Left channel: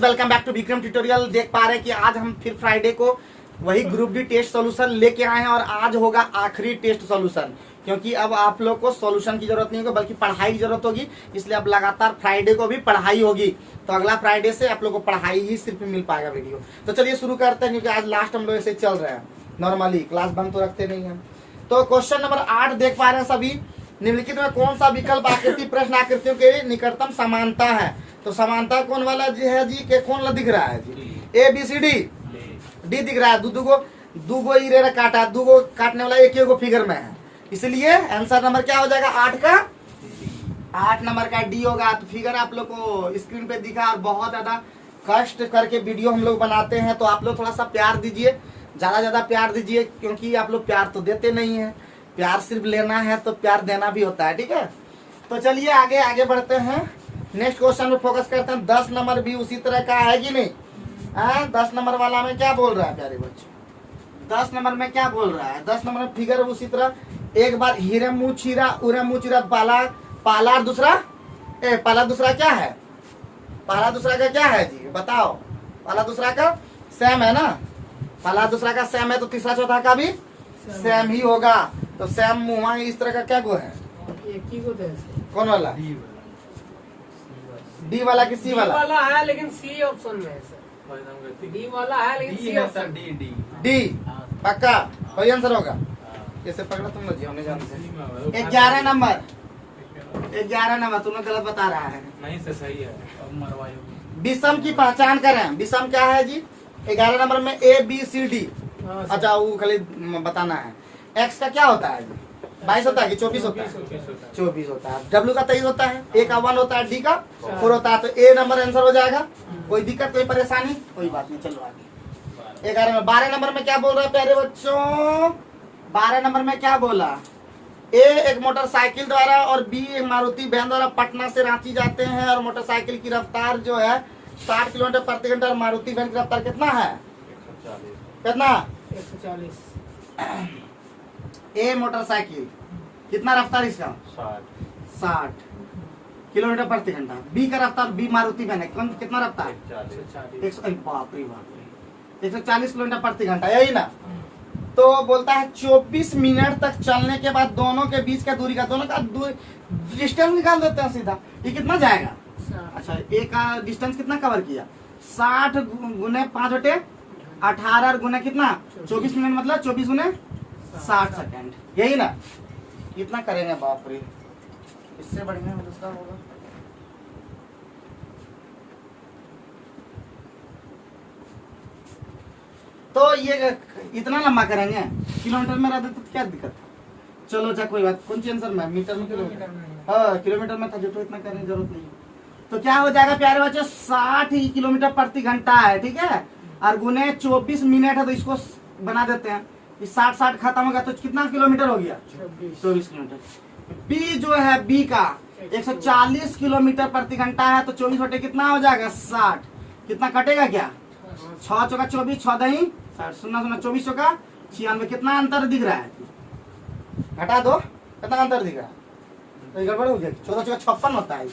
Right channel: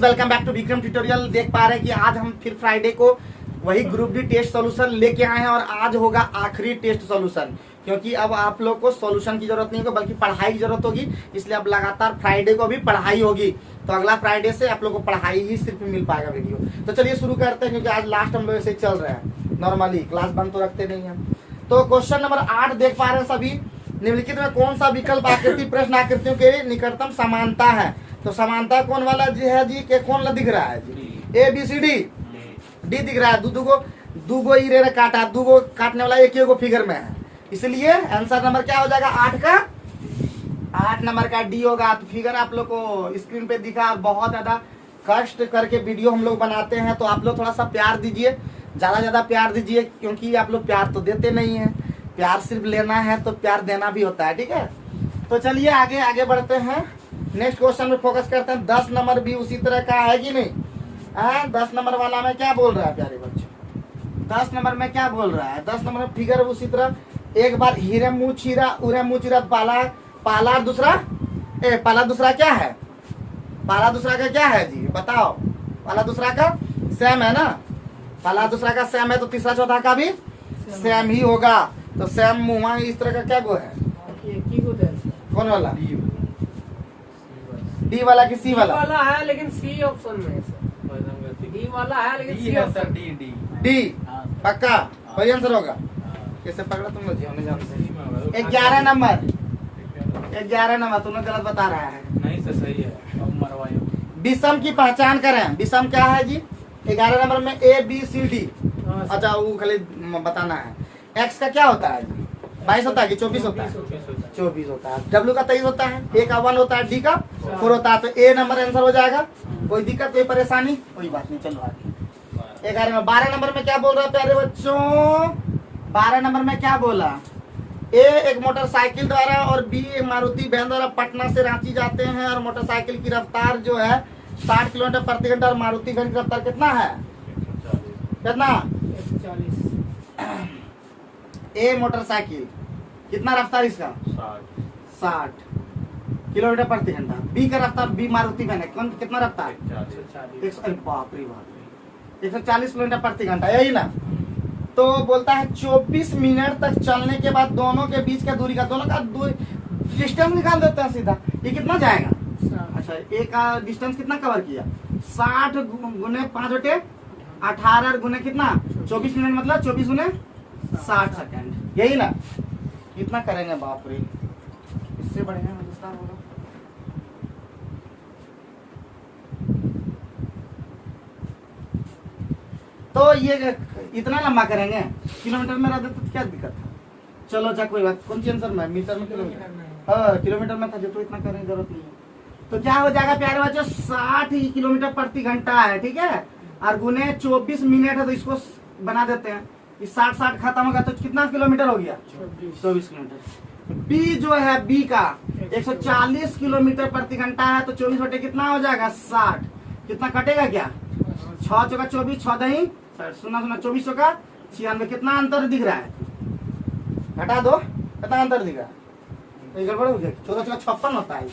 Guys, welcome back to Vikram tutorial. देख पा रहे हैं कि आज हम फिर फ्राइडे को वही ग्रुप डी टेस्ट सॉल्यूशन लेके आए हैं और आज होगा आखिरी टेस्ट सॉल्यूशन, क्योंकि अब आप लोग को सॉल्यूशन की जरूरत नहीं होगी बल्कि पढ़ाई की जरूरत होगी। इसलिए अब लगातार फ्राइडे को भी पढ़ाई होगी, तो अगला फ्राइडे से आप लोग को पढ़ाई ही सिर्फ मिल पाएगा वीडियो। तो चलिए शुरू करते हैं, क्योंकि आज लास्ट हम लोग ऐसे चल रहे हैं। नॉर्मली क्लास बंद तो रखते नहीं हम। तो क्वेश्चन नंबर 8 देख पा रहे हैं सभी। निम्नलिखित में कौन सा विकल्प आकृति प्रश्न आकृतियों के निकटतम समानता है? तो समानता कौन वाला जी है जी के कौन ला दिख रहा है जी? A B C D D दिख रहा है। दूगो इरे काटा, दूगो काटने वाला एक एगो फिगर में है, इसलिए आंसर नंबर क्या हो जाएगा? 8 नंबर का डी होगा। तो फिगर आप लोग को स्क्रीन पे दिखा और बहुत ज्यादा कष्ट करके वीडियो हम लोग बनाते हैं, तो आप लोग थोड़ा सा प्यार दीजिए, ज्यादा प्यार दीजिए, क्योंकि आप लोग प्यार तो देते नहीं है। प्यार सिर्फ लेना है तो प्यार देना भी होता है, ठीक है। तो चलिए आगे बढ़ते हैं। नेक्स्ट क्वेश्चन में फोकस करते हैं। 10 नंबर भी उसी तरह का है कि नहीं? 10 नंबर वाला में क्या बोल रहा है प्यारे बच्चे? 10 नंबर में क्या बोल रहा है? 10 नंबर में फिगर उसी तरह। एक बार हीरे मुँह चीरा उरे मुँह चीरा पाला दूसरा क्या है? पाला दूसरा का क्या है जी बताओ? पाला दूसरा का सेम है ना? पाला दूसरा का सेम है, तो तीसरा चौथा का भी सेम ही होगा। तो सेम मुँह इस तरह का क्या गो है? कौन वाला? डी वाला कि सी वाला? वाला है, लेकिन सी ऑप्शन में है सर। डी वाला है, लेकिन सी ऑप्शन। डी पक्का वही आंसर होगा। कैसे पकड़ा तुम लोग? हमें जानते 11 नंबर तुम्हें गलत बता रहा है। नहीं से सही है। विषम की पहचान करें। विषम क्या है जी? 11 नंबर में ए बी सी डी। अच्छा वो खाली बताना है। एक्स का क्या होता है? 22 होता है कि 24 होता है? 24 होता है। डब्ल्यू का 23 होता है। ए का 1 होता है, डी का 4 होता है। तो ए नंबर आंसर हो जाएगा। कोई दिक्कत, कोई परेशानी? कोई बात नहीं, चलो आगे। 11 में 12 नंबर में क्या बोल रहा है प्यारे बच्चों? 12 नंबर में क्या बोला? ए एक मोटरसाइकिल द्वारा और बी एक मारुति वैन द्वारा पटना से रांची जाते हैं, और मोटरसाइकिल की रफ्तार जो है 60 किलोमीटर प्रति घंटा और मारुति वैन की रफ्तार कितना है? कितना? 140। ए मोटरसाइकिल कितना रफ्तार इसका? 60 किलोमीटर प्रति घंटा। बी का रफ्तार, बी मारुति वैन है, कितना रफ्तार? 140 किलोमीटर प्रति घंटा, यही ना? तो बोलता है 24 मिनट तक चलने के बाद दोनों के बीच का दूरी का डिस्टेंस निकाल देते हैं सीधा। ये कितना जाएगा? अच्छा, ए का डिस्टेंस कितना कवर किया? 60 गुने 5/18 गुने कितना? 24 मिनट, मतलब 24 गुने 60 सेकंड, यही ना? कितना करेंगे बाप रे, इससे बढ़िया दूसरा होगा। तो ये इतना लंबा करेंगे, किलोमीटर में रहते तो क्या दिक्कत है? चलो अच्छा कोई बात। कौन सी आंसर में? मीटर में किलोमीटर में था, जो तो इतना करने की जरूरत नहीं है। तो क्या हो जाएगा प्यारे बच्चों? 60 किलोमीटर प्रति घंटा है, ठीक है, और गुने 24 मिनट है, तो इसको बना देते हैं। 60 खत्म होगा तो कितना किलोमीटर हो गया? 24 किलोमीटर। बी जो है, बी का 140 किलोमीटर प्रति घंटा है, तो 24 बटे कितना हो जाएगा? 60। कितना कटेगा क्या? 6 चौका 24, 6 दही 0, 24 चौका 96। कितना अंतर दिख रहा है? घटा दो, कितना अंतर दिख रहा है? तो गड़बड़ हो गया। 14 चौका 56 होता है।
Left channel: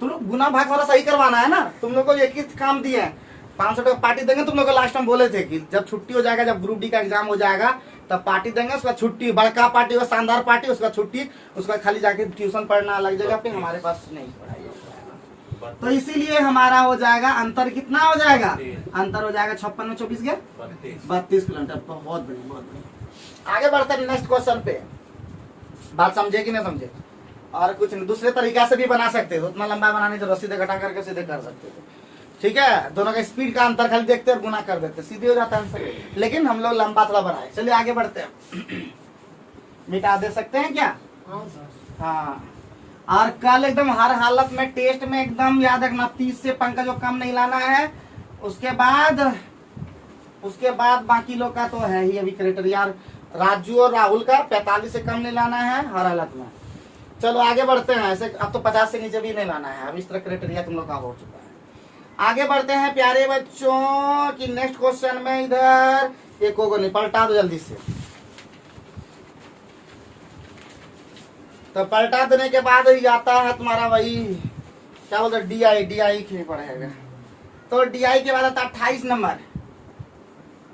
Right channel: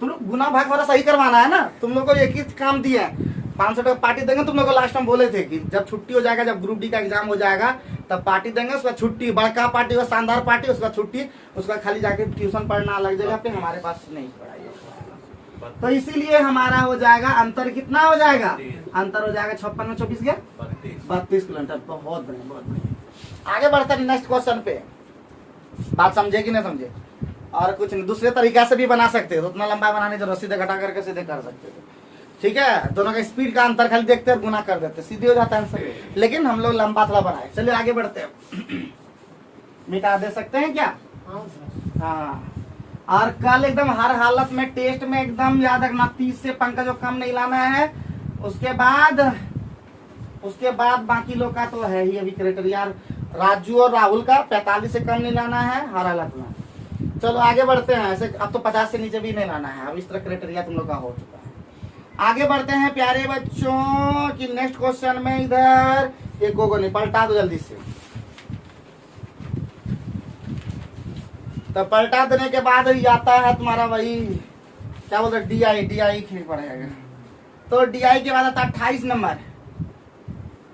तुम लोग गुना भाग वाला सही करवाना है ना। तुम लोग को एक ही काम दिया है, 500 टका पार्टी देंगे। तुम लोग को लास्ट टाइम बोले थे कि जब छुट्टी हो जाएगा, जब ग्रुप डी का एग्जाम हो जाएगा तब पार्टी देंगे, उसका छुट्टी, बड़का पार्टी हो, शानदार पार्टी, उसका छुट्टी, उसका खाली जाके ट्यूशन पढ़ना अलग जगह पे, हमारे पास नहीं पढ़ाई हो पाएगा। तो इसीलिए हमारा हो जाएगा अंतर, कितना हो जाएगा? अंतर हो जाएगा 56 में 24 के 32 किलोमीटर। बहुत बढ़िया, बहुत बढ़िया। आगे बढ़ते हैं नेक्स्ट क्वेश्चन पे। बात समझे कि नहीं समझे? और कुछ नहीं, दूसरे तरीका से भी बना सकते हो। उतना लंबा बनाने जो सीधे घटा करके सीधे कर सकते हो, ठीक है। दोनों का स्पीड का अंतर खाली देखते हैं, गुना कर देते, सीधे हो जाता है आंसर। लेकिन हम लोग लंबा थोड़ा बनाए। चलिए आगे बढ़ते हैं। मिटा दे सकते हैं क्या? हाँ। और कल एकदम हर हालत में टेस्ट में एकदम याद रखना, 30 से पंकज जो कम नहीं लाना है। उसके बाद बाकी लोग का तो है ही अभी क्राइटेरिया। राजू और राहुल का 45 से कम नहीं लाना है हर हालत में। चलो आगे बढ़ते हैं। ऐसे अब तो 50 से नीचे भी नहीं लाना है, अब इस तरह क्राइटेरिया तुम लोग का हो चुका है। आगे बढ़ते हैं प्यारे बच्चों की नेक्स्ट क्वेश्चन में। इधर एक को नहीं पलटा दो जल्दी से। तो पलटा देने के बाद ही आता है तुम्हारा वही क्या बोलते, डी आई पढ़ेगा। तो DI के बाद आता है 28 नंबर।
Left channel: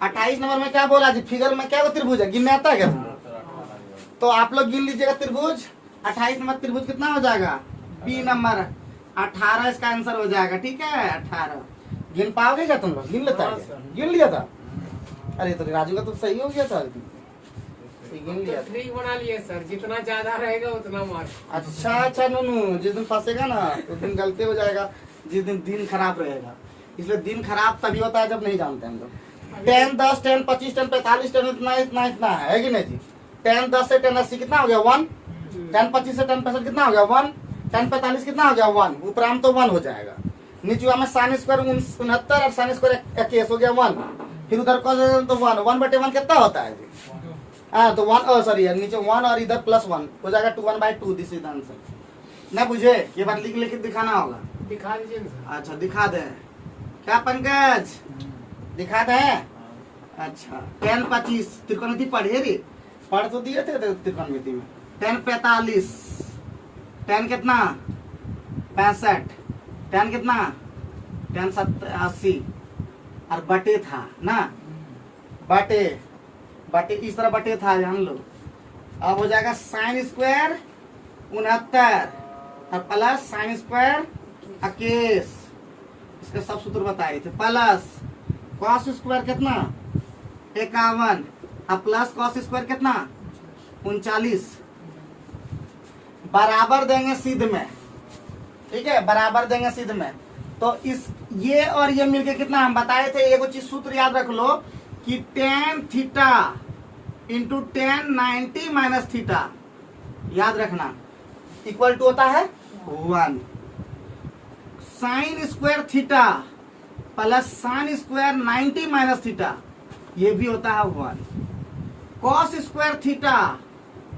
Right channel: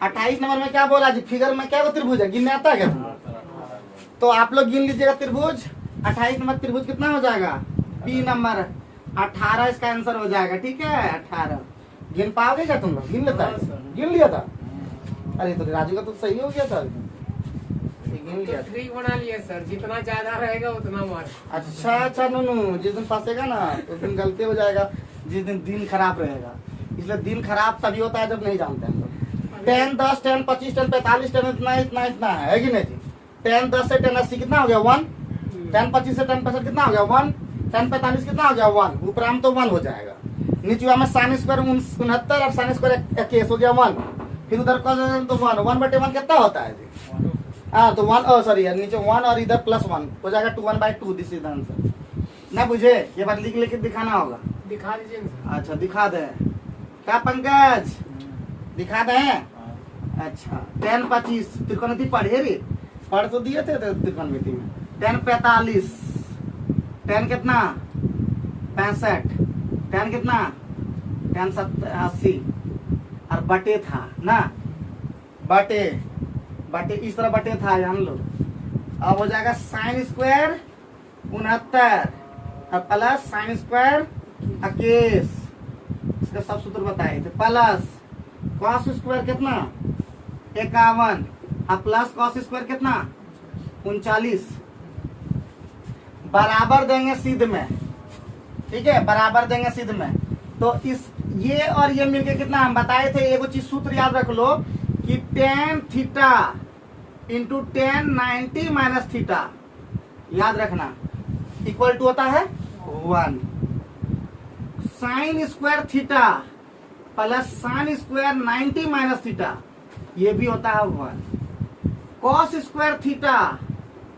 28 नंबर में क्या बोला जी, फिगर में क्या त्रिभुज है, गिनने आता है क्या तुमको? तो आप लोग गिन लीजिएगा त्रिभुज। 28 नंबर त्रिभुज कितना हो जाएगा, B नंबर 18 इसका आंसर हो जाएगा। ठीक है 18 गिन पाओगे क्या तुम लोग, गिन लेता है? गिन लिया था? अरे तो राजू का तो सही हो गया था, गिन लिया था। ट्रिक बना लिए सर, जितना ज्यादा रहेगा उतना मार्क। अच्छा नूनू, जिस दिन फंसेगा ना उस दिन गलती हो जाएगा, जिस दिन खराब रहेगा। इसलिए दिन खराब तभी होता है जब नहीं जानते हम लोग। 10, 10, 10, 25, 10, 45, 10 इतना है कि नहीं जी? 10, 10 से 10 80 कितना हो गया 1। 10, 25 से 10 65 कितना हो गया 1। 10, 45 कितना हो गया 1। ऊपराम तो 1 हो जाएगा। नीचे में साइन स्क्वायर 69 और साइन स्क्वायर 21 हो गया 1। फिर उधर कॉस तो 1/1 कितना होता है जी? हाँ तो 1 सॉरी नीचे 1 और इधर +1 हो जाएगा 2/1/2। This is answer. ना बुझे ये बात लिख लेके दिखाना होगा। दिखा दीजिए ना। अच्छा दिखा दे क्या पंकज, दिखा दे। अच्छा 10, 25 त्रिकोणमिति पढ़े रे, पढ़ तो दिए थे त्रिकोणमिति में। 10, 45, 10 कितना 65, 10 कितना 10, 80 और बटे था ना, बटे इस तरह बटे था जान लो। अब हो जाएगा साइन स्क्वायर 69 और प्लस साइन स्क्वायर 21। इसका सब सूत्र बताए थे। प्लस कॉस स्क्वायर कितना 51 और प्लस कॉस स्क्वायर कितना 39। बराबर देंगे सिद्ध में, ठीक है बराबर देंगे सिद्ध में। तो इस ये और ये मिलके कितना हम बताए थे, एगो चीज सूत्र याद रख लो कि tan theta into tan 90 minus theta याद रखना इक्वल टू होता है 1। Sine square theta plus sine square 90 minus theta ये भी होता है 1। Cos square theta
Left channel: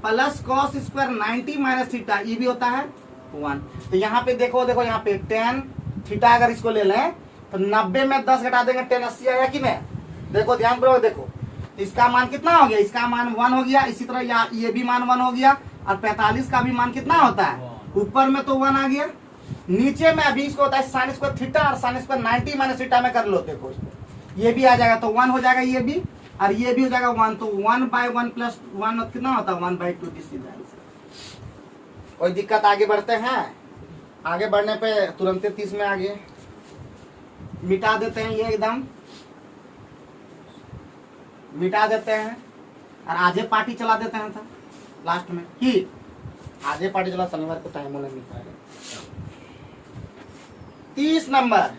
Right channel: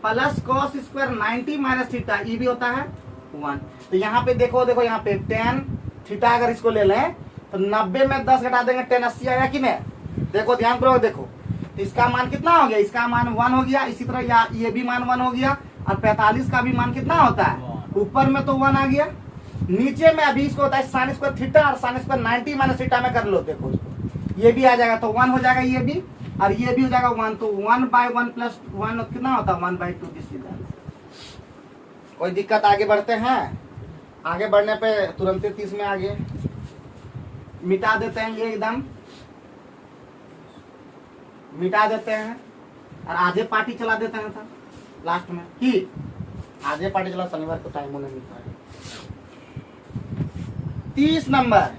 plus cos square 90 minus theta ये भी होता है 1। तो यहाँ पे देखो यहाँ पे tan थीटा अगर इसको ले लें तो 90 में 10 घटा देंगे tan 80 आया कि नहीं। देखो ध्यान करो, देखो इसका मान कितना हो गया, इसका मान 1 हो गया। इसी तरह ये भी मान 1 हो गया और 45 का भी मान कितना होता है, ऊपर में तो 1 आ गया, नीचे में अभी इसको होता है साइन स्क्वायर थीटा और साइन स्क्वायर 90 माइनस थीटा में कर लो। देखो इसको ये भी आ जाएगा तो 1 हो जाएगा ये भी और ये भी हो जाएगा 1। तो 1/1 प्लस 1 कितना होता है 1/2। This is answer. कोई दिक्कत, आगे बढ़ते हैं। आगे बढ़ने पे तुरंत 30 में आगे मिटा देते हैं, ये एकदम मिटा देते हैं और आधे पार्टी चला देते हैं था लास्ट में कि आधे पार्टी चला, शनिवार को टाइम होने मिलता है। 30 नंबर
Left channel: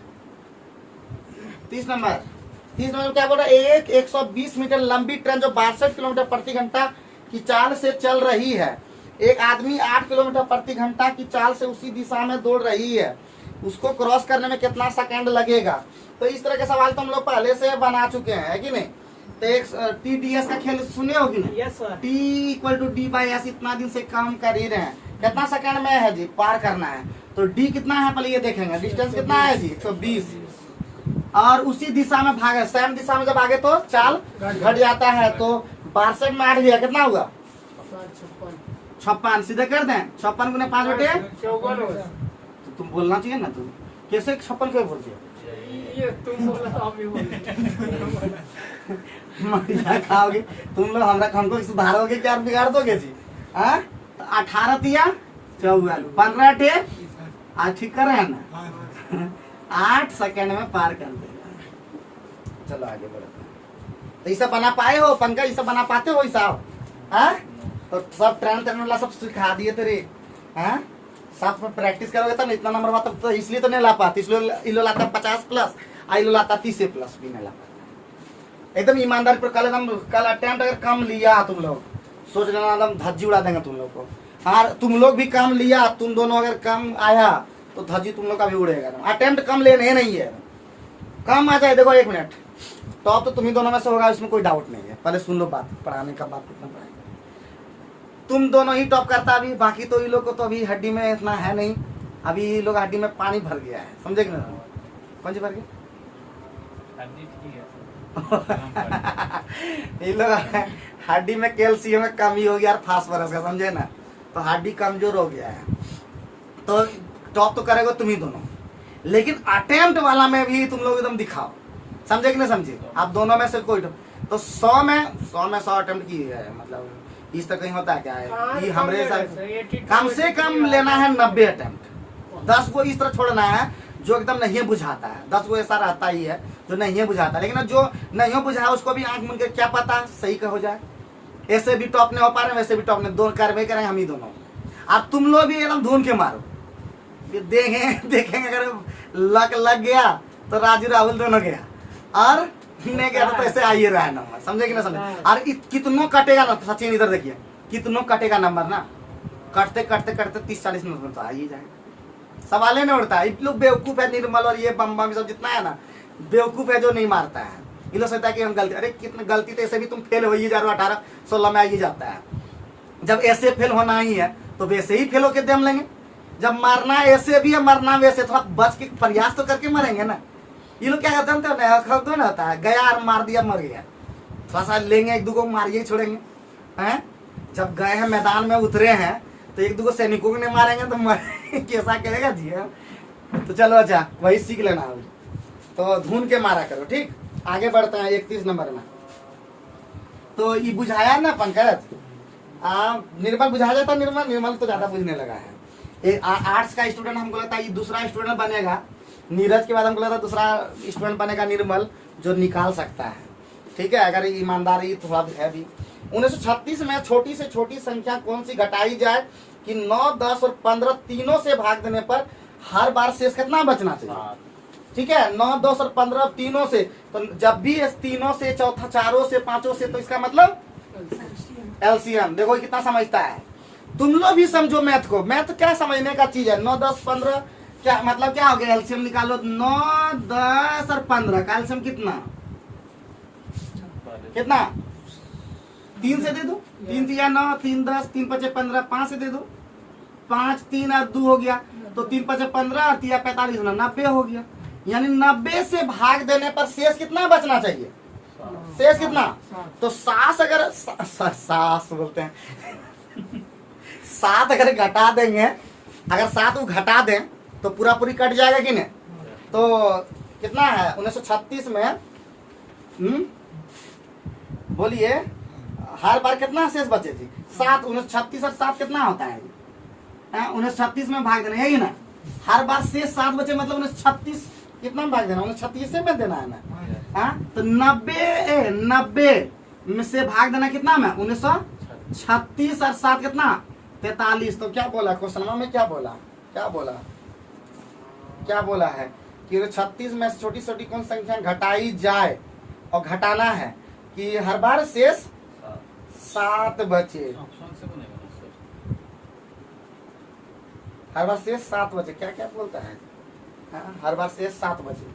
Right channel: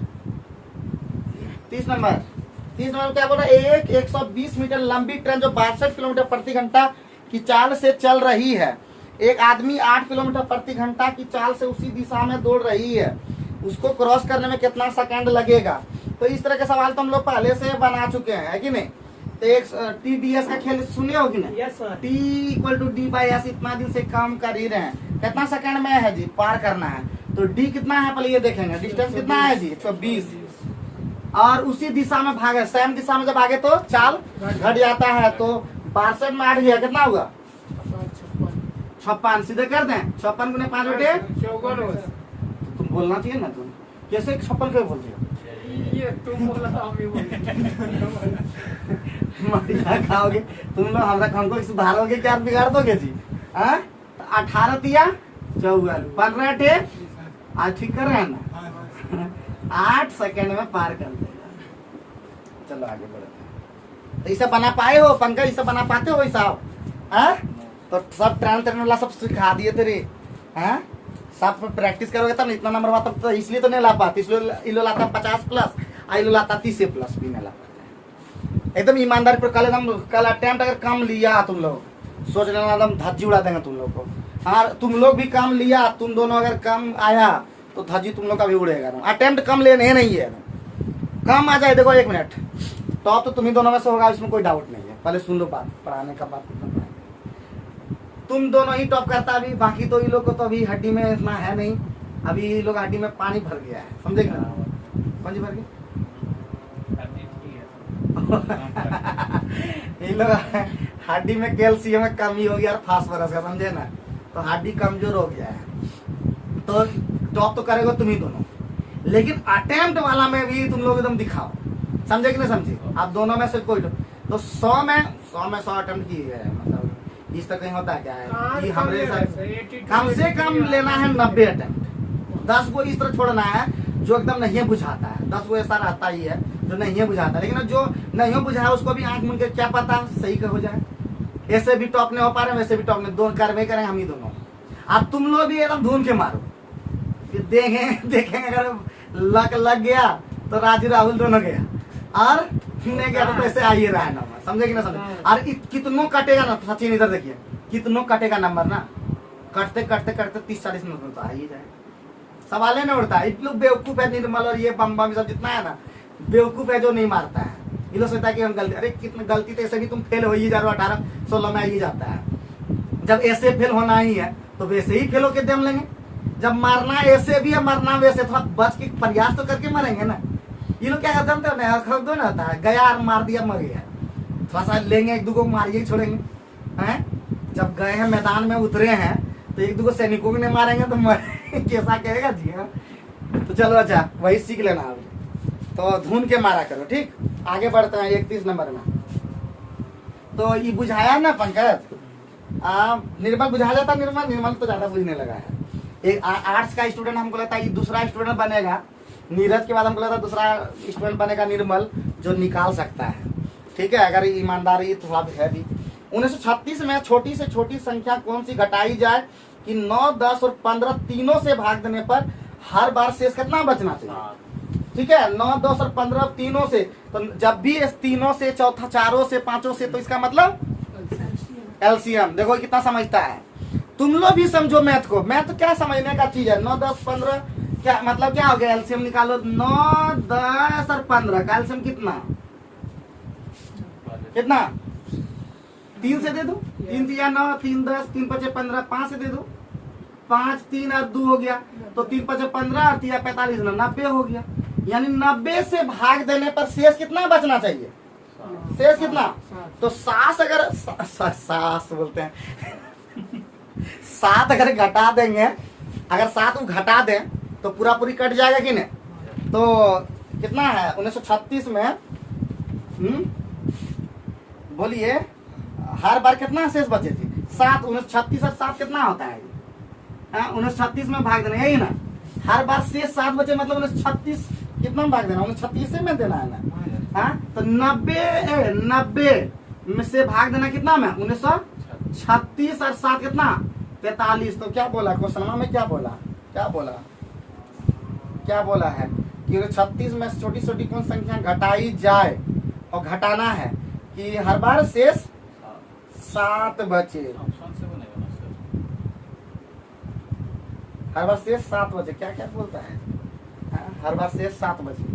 क्या बोल रहा है, एक 120 मीटर लंबी ट्रेन जो 62 किलोमीटर प्रति घंटा की चाल से चल रही है, एक आदमी 8 किलोमीटर प्रति घंटा की चाल से उसी दिशा में दौड़ रही है, उसको क्रॉस करने में कितना सेकंड लगेगा। तो इस तरह के सवाल तो हम लोग पहले से बना चुके हैं, है कि नहीं। तो एक TDS का खेल सुने हो कि नहीं। Yes sir. T = D/S इतना दिन से काम कर ही रहे हैं, कितना सेकंड में है जी पार करना है। तो D कितना है पहले ये देखेंगे, डिस्टेंस कितना है जी 120 और उसी दिशा में भागे, सेम दिशा में जब आगे तो चाल घट जाता है। तो 62 में 8 दिया कितना होगा 56। सीधे कर दें 56 × 5 बटे 54। तुम बोलना चाहिए ना, तुम कैसे 56 क्यों बोल रही हो, ये तुम बोला था हम ही बोले। मरिया खाओगे तुम लोग, हमरा हमको सुधारोगे क्या बिगाड़ दोगे जी। 18 तिया 44 15 टे आज ठीक कर रहे हैं ना 8 सेकंड में पार कर देगा। चलो आगे बढ़ते हैं। तो ये सब बना पाए हो पंकज, ये सब बना पाते हो हिसाब? तो सब ट्रेन वाला सब सिखा दिए तेरे। सब में प्रैक्टिस करोगे तब इतना नंबर आता, तो इसलिए तो नहीं ला पाते, इसलिए इलो लाता 50+ इलो लाता 30+ भी नहीं ला पाते। एकदम ईमानदारी पर कल अटेम्प्ट अगर कम लिया तुम लोग, सोच लेना एकदम धज्जी उड़ा देंगे तुम लोग को। हाँ तुम लोग भी कम लिया, तुम दोनों अगर कम आया तो धज्जी तुम लोग का भी उड़ेगा। अटेम्प्ट कम लेने नहीं है, कम आ जाए। देखो 1 मिनट तो अब तो तुम्ही दोनों में से होगा, इसमें कोई डाउट नहीं है। पहले सुन लो बात, पढ़ाने का बात कितना पढ़ाएगा। तुम दोनों ही टॉप करता अभी, बाकी तो ये लोग को तो अभी हड्डी में इतना है नहीं, अभी ये लोग हड्डी में पानी भर गया है, समझे कि ना। कौन सी भर गई ये लोग हड्डी में कैल्शियम में कमी हो गया और फास्फोरस का, समझे ना, तो हड्डी कमजोर हो गया है। तो टॉप तो करेगा तुम ही दोनों। लेकिन अटेम्प्ट वाला में भी तुम लोग एकदम दिखाओ, समझे कि नहीं समझे? आप दोनों में से कोई तो 100 में 100 अटेम्प्ट की है, मतलब इस तरह कहीं होता है क्या है कि हमरे साथ कम से कम लेना है 90 अटेम्प्ट। 10 को इस तरह छोड़ना है जो एकदम नहीं बुझाता है, 10 को ऐसा रहता ही है जो नहीं बुझाता, लेकिन जो नहीं बुझा उसको भी आंख मूंद के क्या पता सही का हो जाए। ऐसे भी टॉप नहीं हो पा रहे, वैसे भी टॉप नहीं, दोनों कार्रवाई करें हम ही दोनों। अब तुम लोग भी एकदम ढूंढ के मारो, देखेंगे अगर लग गया तो राजू राहुल दोनों गया, और नहीं गया तो ऐसे आइए रहा है नंबर, समझे कि ना समझे? और कितनों कटेगा ना, सचिन इधर देखिए, कितनों कटेगा नंबर ना, कटते 30-40 मिनट तो आ ही जाएगा, सवाल नहीं उठता है। लोग बेवकूफ है, निर्मल और ये बम सब जितना है ना, बेवकूफ है जो नहीं मारता है। ये लोग सोचता है कि हम गलती, अरे कितनी गलती तो ऐसे भी तुम फेल हो ही जा रहे हो, 18-16 में आ ही जाता है। जब ऐसे फेल होना ही है तो वैसे ही फेल होके दम लेंगे। जब मारना ऐसे भी है, मरना वैसे, थोड़ा बच के प्रयास तो करके मरेंगे ना। ये लोग क्या जानते हो ना, दो ना होता है, गया और मार दिया मर गया, थोड़ा सा लेंगे, एक दो मारिए ही छोड़ेंगे हैं। जब गए हैं मैदान में उतरे हैं तो एक दो सैनिकों को नहीं मारेंगे तो कैसा कहेगा जी। तो चलो अच्छा वही सीख लेना अब, तो ढूंढ के मारा करो, ठीक। आगे बढ़ते हैं 31 नंबर में। तो ये बुझाया ना पंकज, निर्मल बुझा जाता, निर्मल तो ज्यादा बुझने लगा है। एक आर्ट्स का स्टूडेंट हमको लगता है ये दूसरा स्टूडेंट बनेगा, नीरज के बाद हमको लगता है दूसरा स्टूडेंट बनेगा निर्मल, जो निकाल सकता है, ठीक है, अगर ईमानदारी थोड़ा है भी। 1936 में छोटी से छोटी संख्या कौन सी घटाई जाए कि 9, 10 और 15 तीनों से भाग देने पर हर बार शेष कितना बचना चाहिए? ठीक है, 9, 10 और 15 तीनों से, तो जब भी इस तीनों से, चौथा चारों से, पांचों से, तो इसका मतलब एलसीएम। देखो कितना समझता है, तुम लोग भी समझो मैथ को। मैथ तो क्या समझने का चीज है, 9, 10, 15 क्या मतलब, क्या हो गया? एलसीएम निकालो, 9, 10 और 15 का एलसीएम कितना 3 से दे दो, 3 3 9, 3 10, 3 5 15, 5 से दे दो, 5 3 और 2 हो गया, तो 3 5 15 और 3 45 90 हो गया। यानी 90 से भाग देने पर शेष कितना बचना चाहिए? शेष कितना? तो 7 अगर 7 बोलते हैं 7 अगर घटा देंगे, अगर 7 को घटा दें तो पूरा पूरी कट जाएगा कि नहीं? तो कितना है 1936 में, बोलिए हर बार कितना शेष बचे थी? 7। 1936 और 7 कितना होता है? 1936 में भाग देना, यही ना, हर बार शेष 7 बचे, मतलब 1936 कितना में भाग देना? 1936 से में देना है ना। तो 90 में से भाग देना कितना में? 1936 और 7 कितना? 43। तो क्या बोला क्वेश्चन में, क्या बोला है कि 36 में छोटी छोटी कौन संख्या घटाई जाए, और घटाना है कि हर बार शेष 7 बचे, हर बार शेष 7 बचे। क्या क्या बोलता है? हर बार शेष 7 बचे,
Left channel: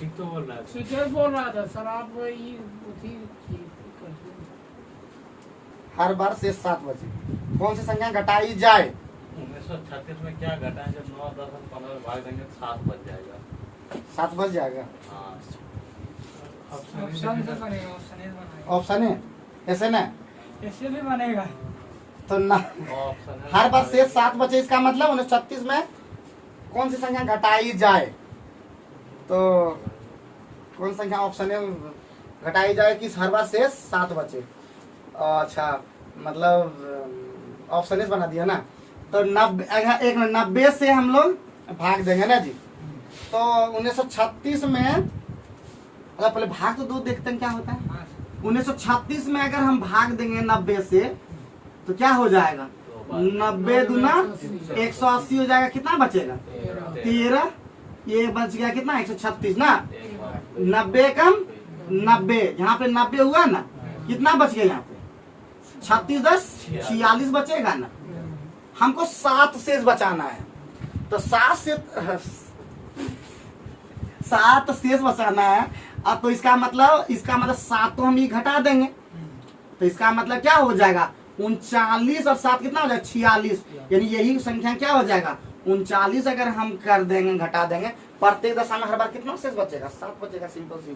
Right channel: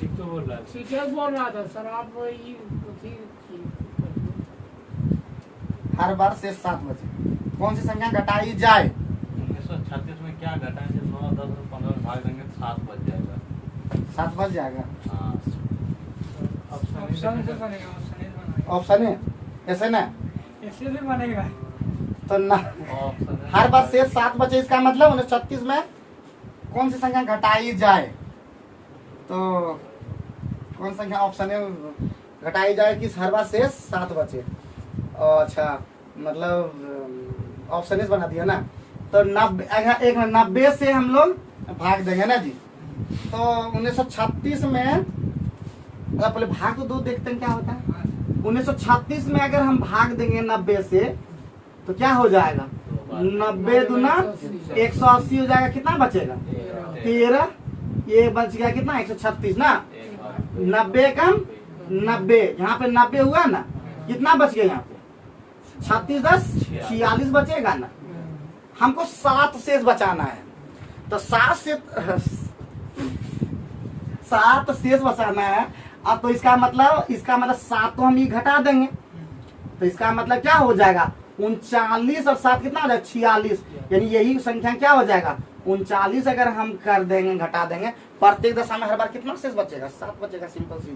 ठीक तो बोल रहा है, ठीक बोल रहा था सर आप। हर बार शेष 7 बचे, कौन सी संख्या घटाई जाए? 1936 में क्या घटाएंगे? 9, 10 और 15 में भाग देंगे, 7 बच जाएगा। 7 बच जाएगा। हाँ, ऑप्शन से बनेगा, ऑप्शन है ऐसे ना, ऐसे भी बनेगा। तो ना हर बार शेष 7 बचे, इसका मतलब 1936 में कौन सी संख्या घटाई जाए? तो कौन संख्या ऑप्शन है घटाई जाए कि हर बार शेष 7 बचे? अच्छा, मतलब ऑप्शन इस बना दिया ना। तो 90 से हम लोग भाग देंगे ना जी। तो 1936 में, पहले भाग तो 2 देखते हैं क्या होता है। 1936 में अगर हम भाग देंगे 90 से तो क्या हो जाएगा? 90 दूना 180 हो जाएगा। कितना बचेगा? 13। ये बच गया कितना? 136 ना। 90 कम 90, यहाँ पे 90 हुआ ना, कितना बच गया? यहाँ पे 36 10 46 बचेगा ना। हमको 7 शेष बचाना है, तो 7 शेष बचाना है। अब तो इसका मतलब 7 तो हम ये घटा देंगे, तो इसका मतलब क्या हो जाएगा? 39 और 7 कितना हो जाएगा? 46। यानी यही संख्या क्या हो जाएगा? 39 अगर हम कर देंगे, घटा देंगे, प्रत्येक दशा में हर बार कितना शेष बचेगा? 7 बचेगा। सिंपल सी,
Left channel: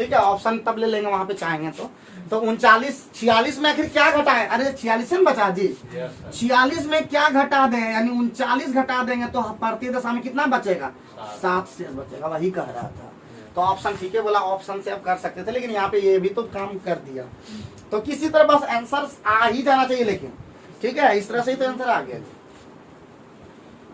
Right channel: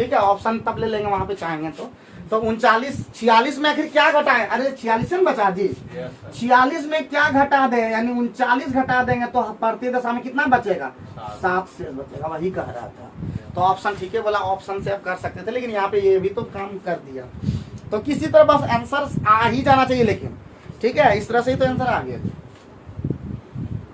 ठीक है, ऑप्शन तब ले लेंगे वहां पे चाहेंगे तो 39 46 में आखिर क्या घटा है? अरे 46 में बचा जी, 46 में क्या घटा दे, यानी 39 घटा देंगे तो प्रति दशा में कितना बचेगा? 7 शेष बचेगा, वही कह रहा था। तो ऑप्शन ठीक है बोला, ऑप्शन से आप कर सकते थे, लेकिन यहाँ पे ये भी तो काम कर दिया। तो किसी तरह बस आंसर आ ही जाना चाहिए, लेकिन ठीक है, इस तरह से ही तो आंसर आ गया।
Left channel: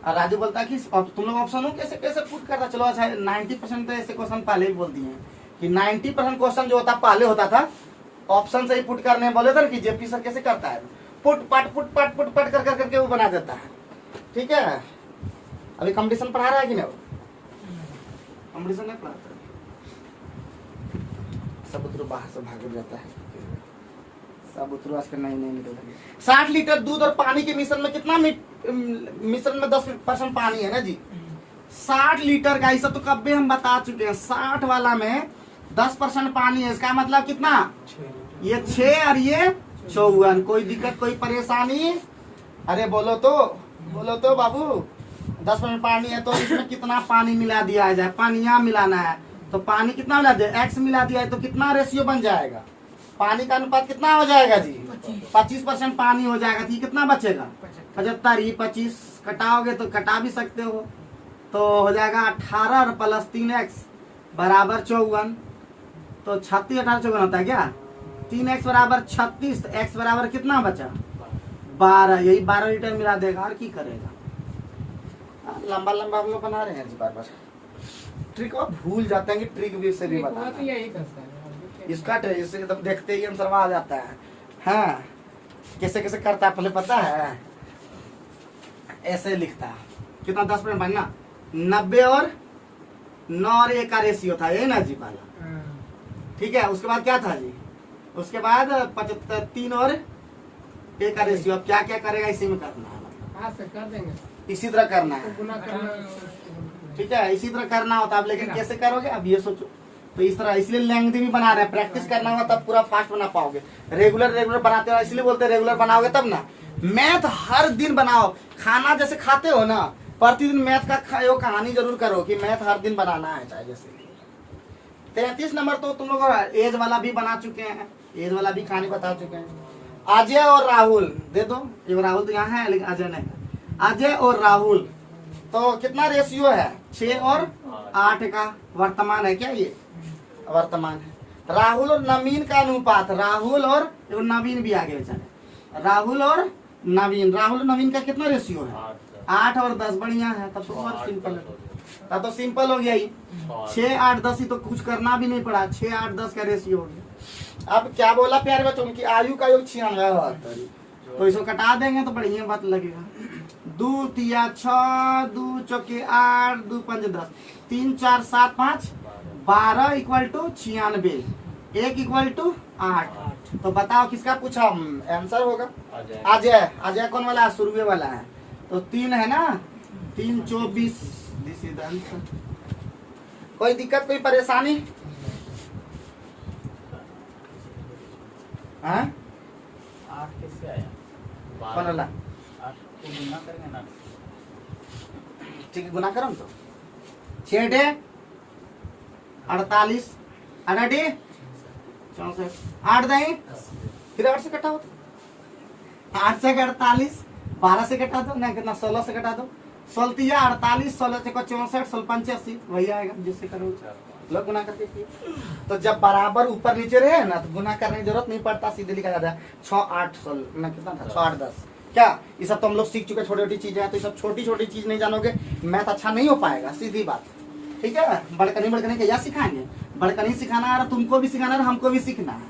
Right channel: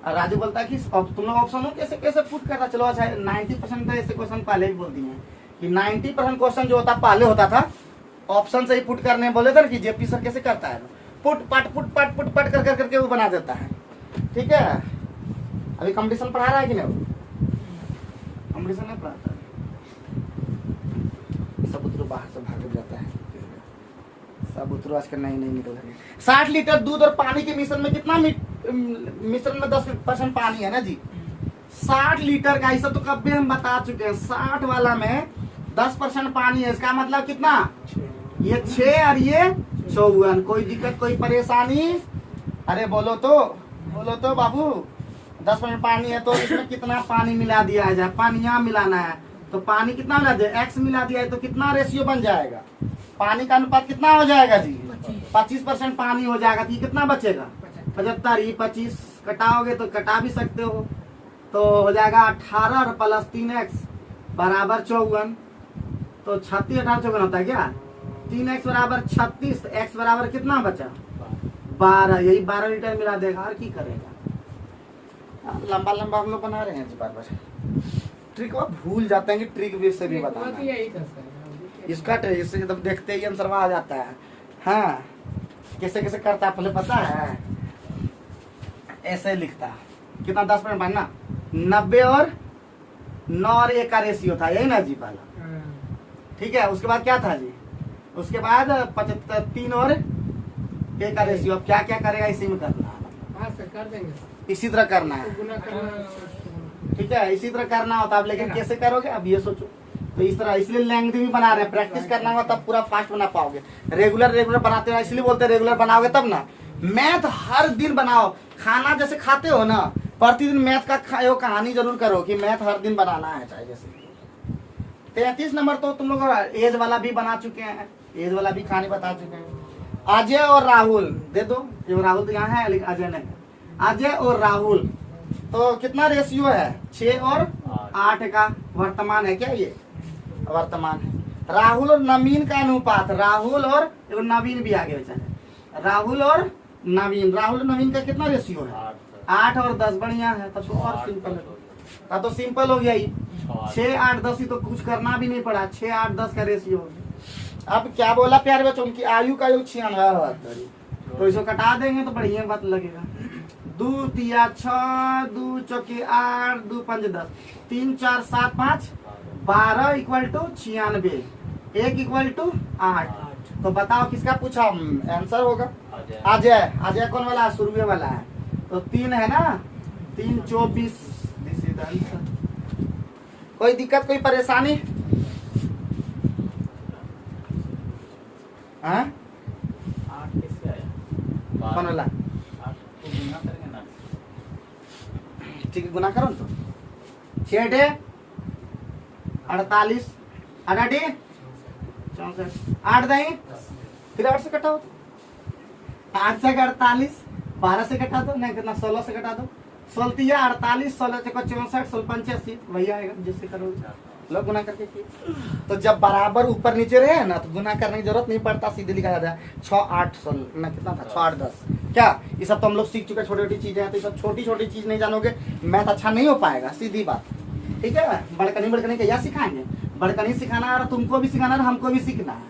और राजू बोलता है कि अब तुम लोग ऑप्शन कैसे कैसे पुट करता, चलो अच्छा 90% तो ऐसे क्वेश्चन पहले भी बोल दिए हैं कि 90% क्वेश्चन जो होता पहले होता था ऑप्शन से ही पुट करने बोले थे कि जेपी सर कैसे करता है, पुट पट कर करके वो बना देता है। ठीक है, अभी कंपटीशन पढ़ा रहा है कि नहीं? कंपटीशन नहीं पढ़ाता, सब उतरो बाहर से भाग जाता है, सब उतरो आजकल नहीं निकलेंगे। 60 लीटर दूध और पानी के मिश्रण में कितना मिश्रण में 10% पानी है ना जी। 60 लीटर का, इसे तो कभी हम बता चुके हैं, 60 वाला में 10% पानी है, इसका मतलब कितना? ये 6 और ये 54। कोई दिक्कत कोई परेशानी? अरे बोलो तो बाबू, 10% पानी है तो इसमें कितना पानी मिला दिया जाए? पानी यहाँ मिलाना है तो पानी कितना मिला दिया? x मिला दिया है तो कितना रेशियो बन जाएगा? पानी का अनुपात कितना हो जाएगा जी? 25% पानी हो जाएगा, तो ये कितना बचेगा? 75। ये 25 कटाओगे तो कटा भी सकते हो, तो हो जाएगा 18 प्लस 3x बराबर 54। तो 36 18 54 होता है क्या? 3x बराबर 36, तो x बराबर कितना बचा? 12। यही 12 लीटर मिला देगा, और की करेगा? लंबा लंबा हम लोग बना रहे हैं बार बार, ट्रिक आप भूल जाते हैं कि ट्रिक भी से भी बता, इसका ट्रिक इससे जब देखते ही आंसर आ जाता है। हाँ, कैसे कैसे करता है पहले पता है? ऐसे लिखता है, कितना 10% बनना, 90 और 9 और 1 का रेशियो था, यही ना जी पहला। ठीक है, उसके बाद क्या था जी? उसके बाद 75 3 और 1 का रेशियो। अब क्या क्या करेगा इसी में करना है, कर देंगे, इसी तरह करना है। ठीक है, इसी तरह करना होता है, लेकिन कैसे करोगे अब ये सोचो। तो इस तरह, इसलिए लेंथी भी बना रहे हैं, प्रैक्टिस करना होगा तब पूरा फास्ट बना पाओगे। रेगुलर बनाते हो, इसलिए बोलते रेगुलर बनाओगे तब ना। मैथ हर दिन बनाओ, खाना जैसे खाते हो ना, प्रतिदिन मैथ का खाओ, कहानी जरूर करो कि मैथ हर दिन बनाना है। चाहे जैसे 33 नंबर तो तुम लोग एज वाला भी बना चुके हैं, एज वाला भी कहानी बता चुके हैं। अजय और राहुल दे दो, ये राहुल तो यहाँ है लेकिन अजय नहीं। अजय और राहुल तो कितना रेशियो है? 6 और 8 का वर्तमान है क्या? ये वर्तमान। राहुल और नवीन का अनुपात, राहुल और नवीन भी आगे बेचारे, राहुल और नवीन का कितना रेशियो है? 8 और 10। बढ़िया है, तब तो और सिंपल है, तब तो सिंपल हो गया ही। 6 8 10 ही तो कुछ करना भी नहीं पड़ा, 6 8 10 का रेशियो हो गया। अब क्या बोला प्यारे बच्चों, उनकी आयु का योग 96, तो इसको कटा देंगे तो बढ़िया बात लगेगा। 2 तिया 6, 2 चौके 8, 2 5 10, 3 4 7 5 12 इक्वल टू 96, 1 इक्वल टू 8। तो बताओ किसका पूछा आंसर होगा? अजय कौन वाला? शुरुए वाला है, तो 3 है ना, 3 24। This is answer. कोई दिक्कत कोई परेशानी? हाँ, 8 किससे आया? कौन वाला? 8 को गुना करेंगे ना, ठीक, गुना करो तो 6 डे 48, 8 डे 64, 8 दही, फिर 8 से कटा हो, 8 से 48, 12 से कटा दो, नहीं कितना 16 से कटा दो, 16 48, 16 से 64, 16 85, वही आएगा जिससे करोगे। लोग गुना करके किए, तो जब बराबर ऊपर नीचे रहे ना तो गुना करने की जरूरत नहीं पड़ता, सीधे लिखा जाता है। 6 8 16 ना कितना था, 6 8 10। क्या ये सब तो हम लोग सीख चुके, छोटी छोटी चीजें हैं, तो ये सब छोटी छोटी चीज नहीं जानोगे मैथ अच्छा नहीं हो पाएगा, सीधी बात। ठीक है, बड़कनी क्या सिखाएंगे? बड़कनी सिखाना है, और तुमको भी सिखाना है, हमको भी सीखना है,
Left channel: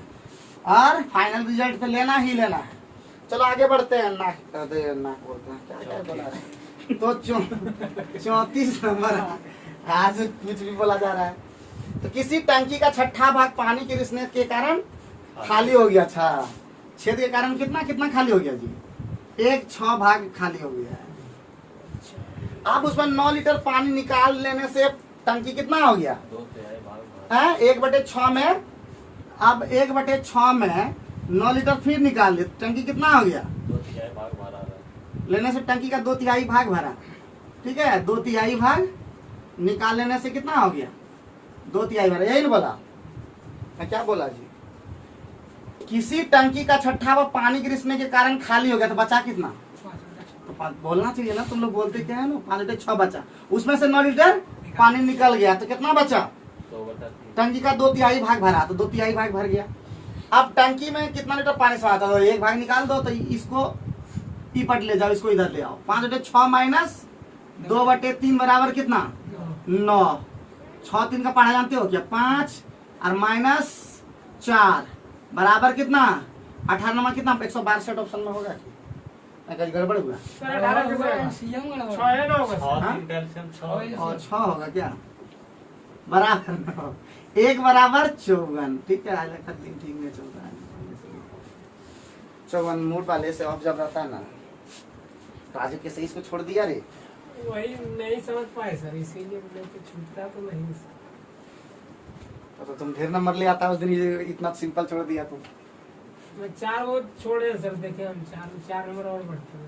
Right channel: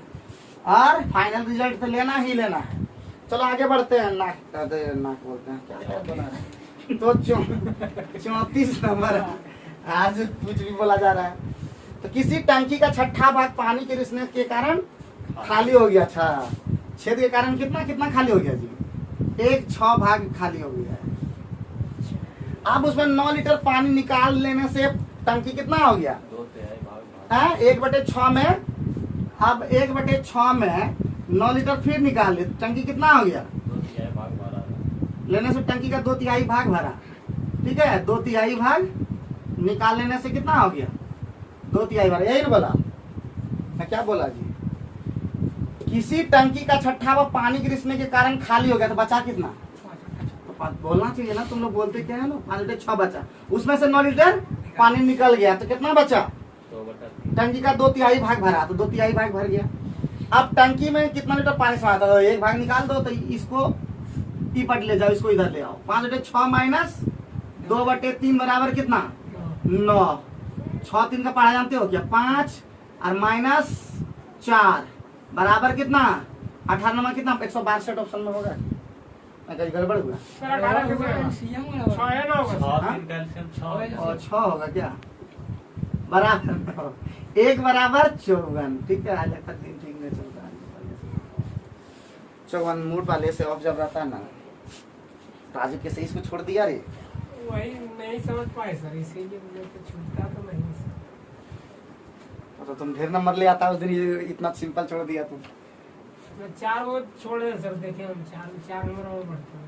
और फाइनल रिजल्ट तो लेना ही लेना है। चलो आगे बढ़ते हैं। नाक बोलते हैं क्या बना रहे, तो 34 नंबर आज कुछ भी बोला जा रहा है। तो किसी टंकी का 6ठा भाग पानी के रिसने के कारण खाली हो गया। अच्छा, छेद के कारण कितना कितना खाली हो गया जी? 1 6 भाग खाली हो गया है। अब उसमें 9 लीटर पानी निकाल लेने से टंकी कितना हो गया? 1/6 में। अब 1/6 में 9 लीटर फिर निकाल ले, टंकी कितना हो गया? 2/3 भाग भरा लेने से टंकी का 2/3 भाग भरा। ठीक है, 2/3 भाग निकाल लेने से कितना हो गया? 2/3 भरा, यही ना बोला? मैं क्या बोला जी? किसी टंकी का छठा व पानी गिरने के कारण खाली हो गया तो बचा कितना? तो बोलना चाहिए ना, तुम लोग बोलते क्या है ना, 5/6 बचा, उसमें से 9 लीटर पानी निकल गया तो कितना बचा? 2/3। टंकी का 2/3 भाग भरा तो 2/3 भाग भर गया। अब टंकी में कितना लीटर पानी समाता है? 1 भाग निकाल दो तो इसको पट ले जाओ, इसको इधर ले आओ। 5/6 माइनस 2/3 बराबर कितना? 9। 6 3 का पढ़ा जानते हो क्या? 5 और माइनस 4 बराबर कितना? 18 नंबर कितना? 162 ऑप्शन में होगा। कहीं गड़बड़ हुआ? सर 18 कितना है? 6 है ना होगा सर? 3 कैल्शियम 6 और 6 होगा क्या? बराबर 1 बराबर 54। ठीक है, आज का दिन ठीक नहीं चल रहा है। 54 मूड वाले से ऑफ जब रहता ना तो आज कैसे इसको छोड़ दिया रे? वही नहीं समझ पाए सर, इसीलिए बोले तो छूटता तो नहीं सर। तो तुम ढेर नंबर ले आता उस दिन, ये इतना सिंपल छोड़ दिया तुम। मैं 4 वो छोड़े सर, देखे हम 4 नंबर और बढ़ते हैं।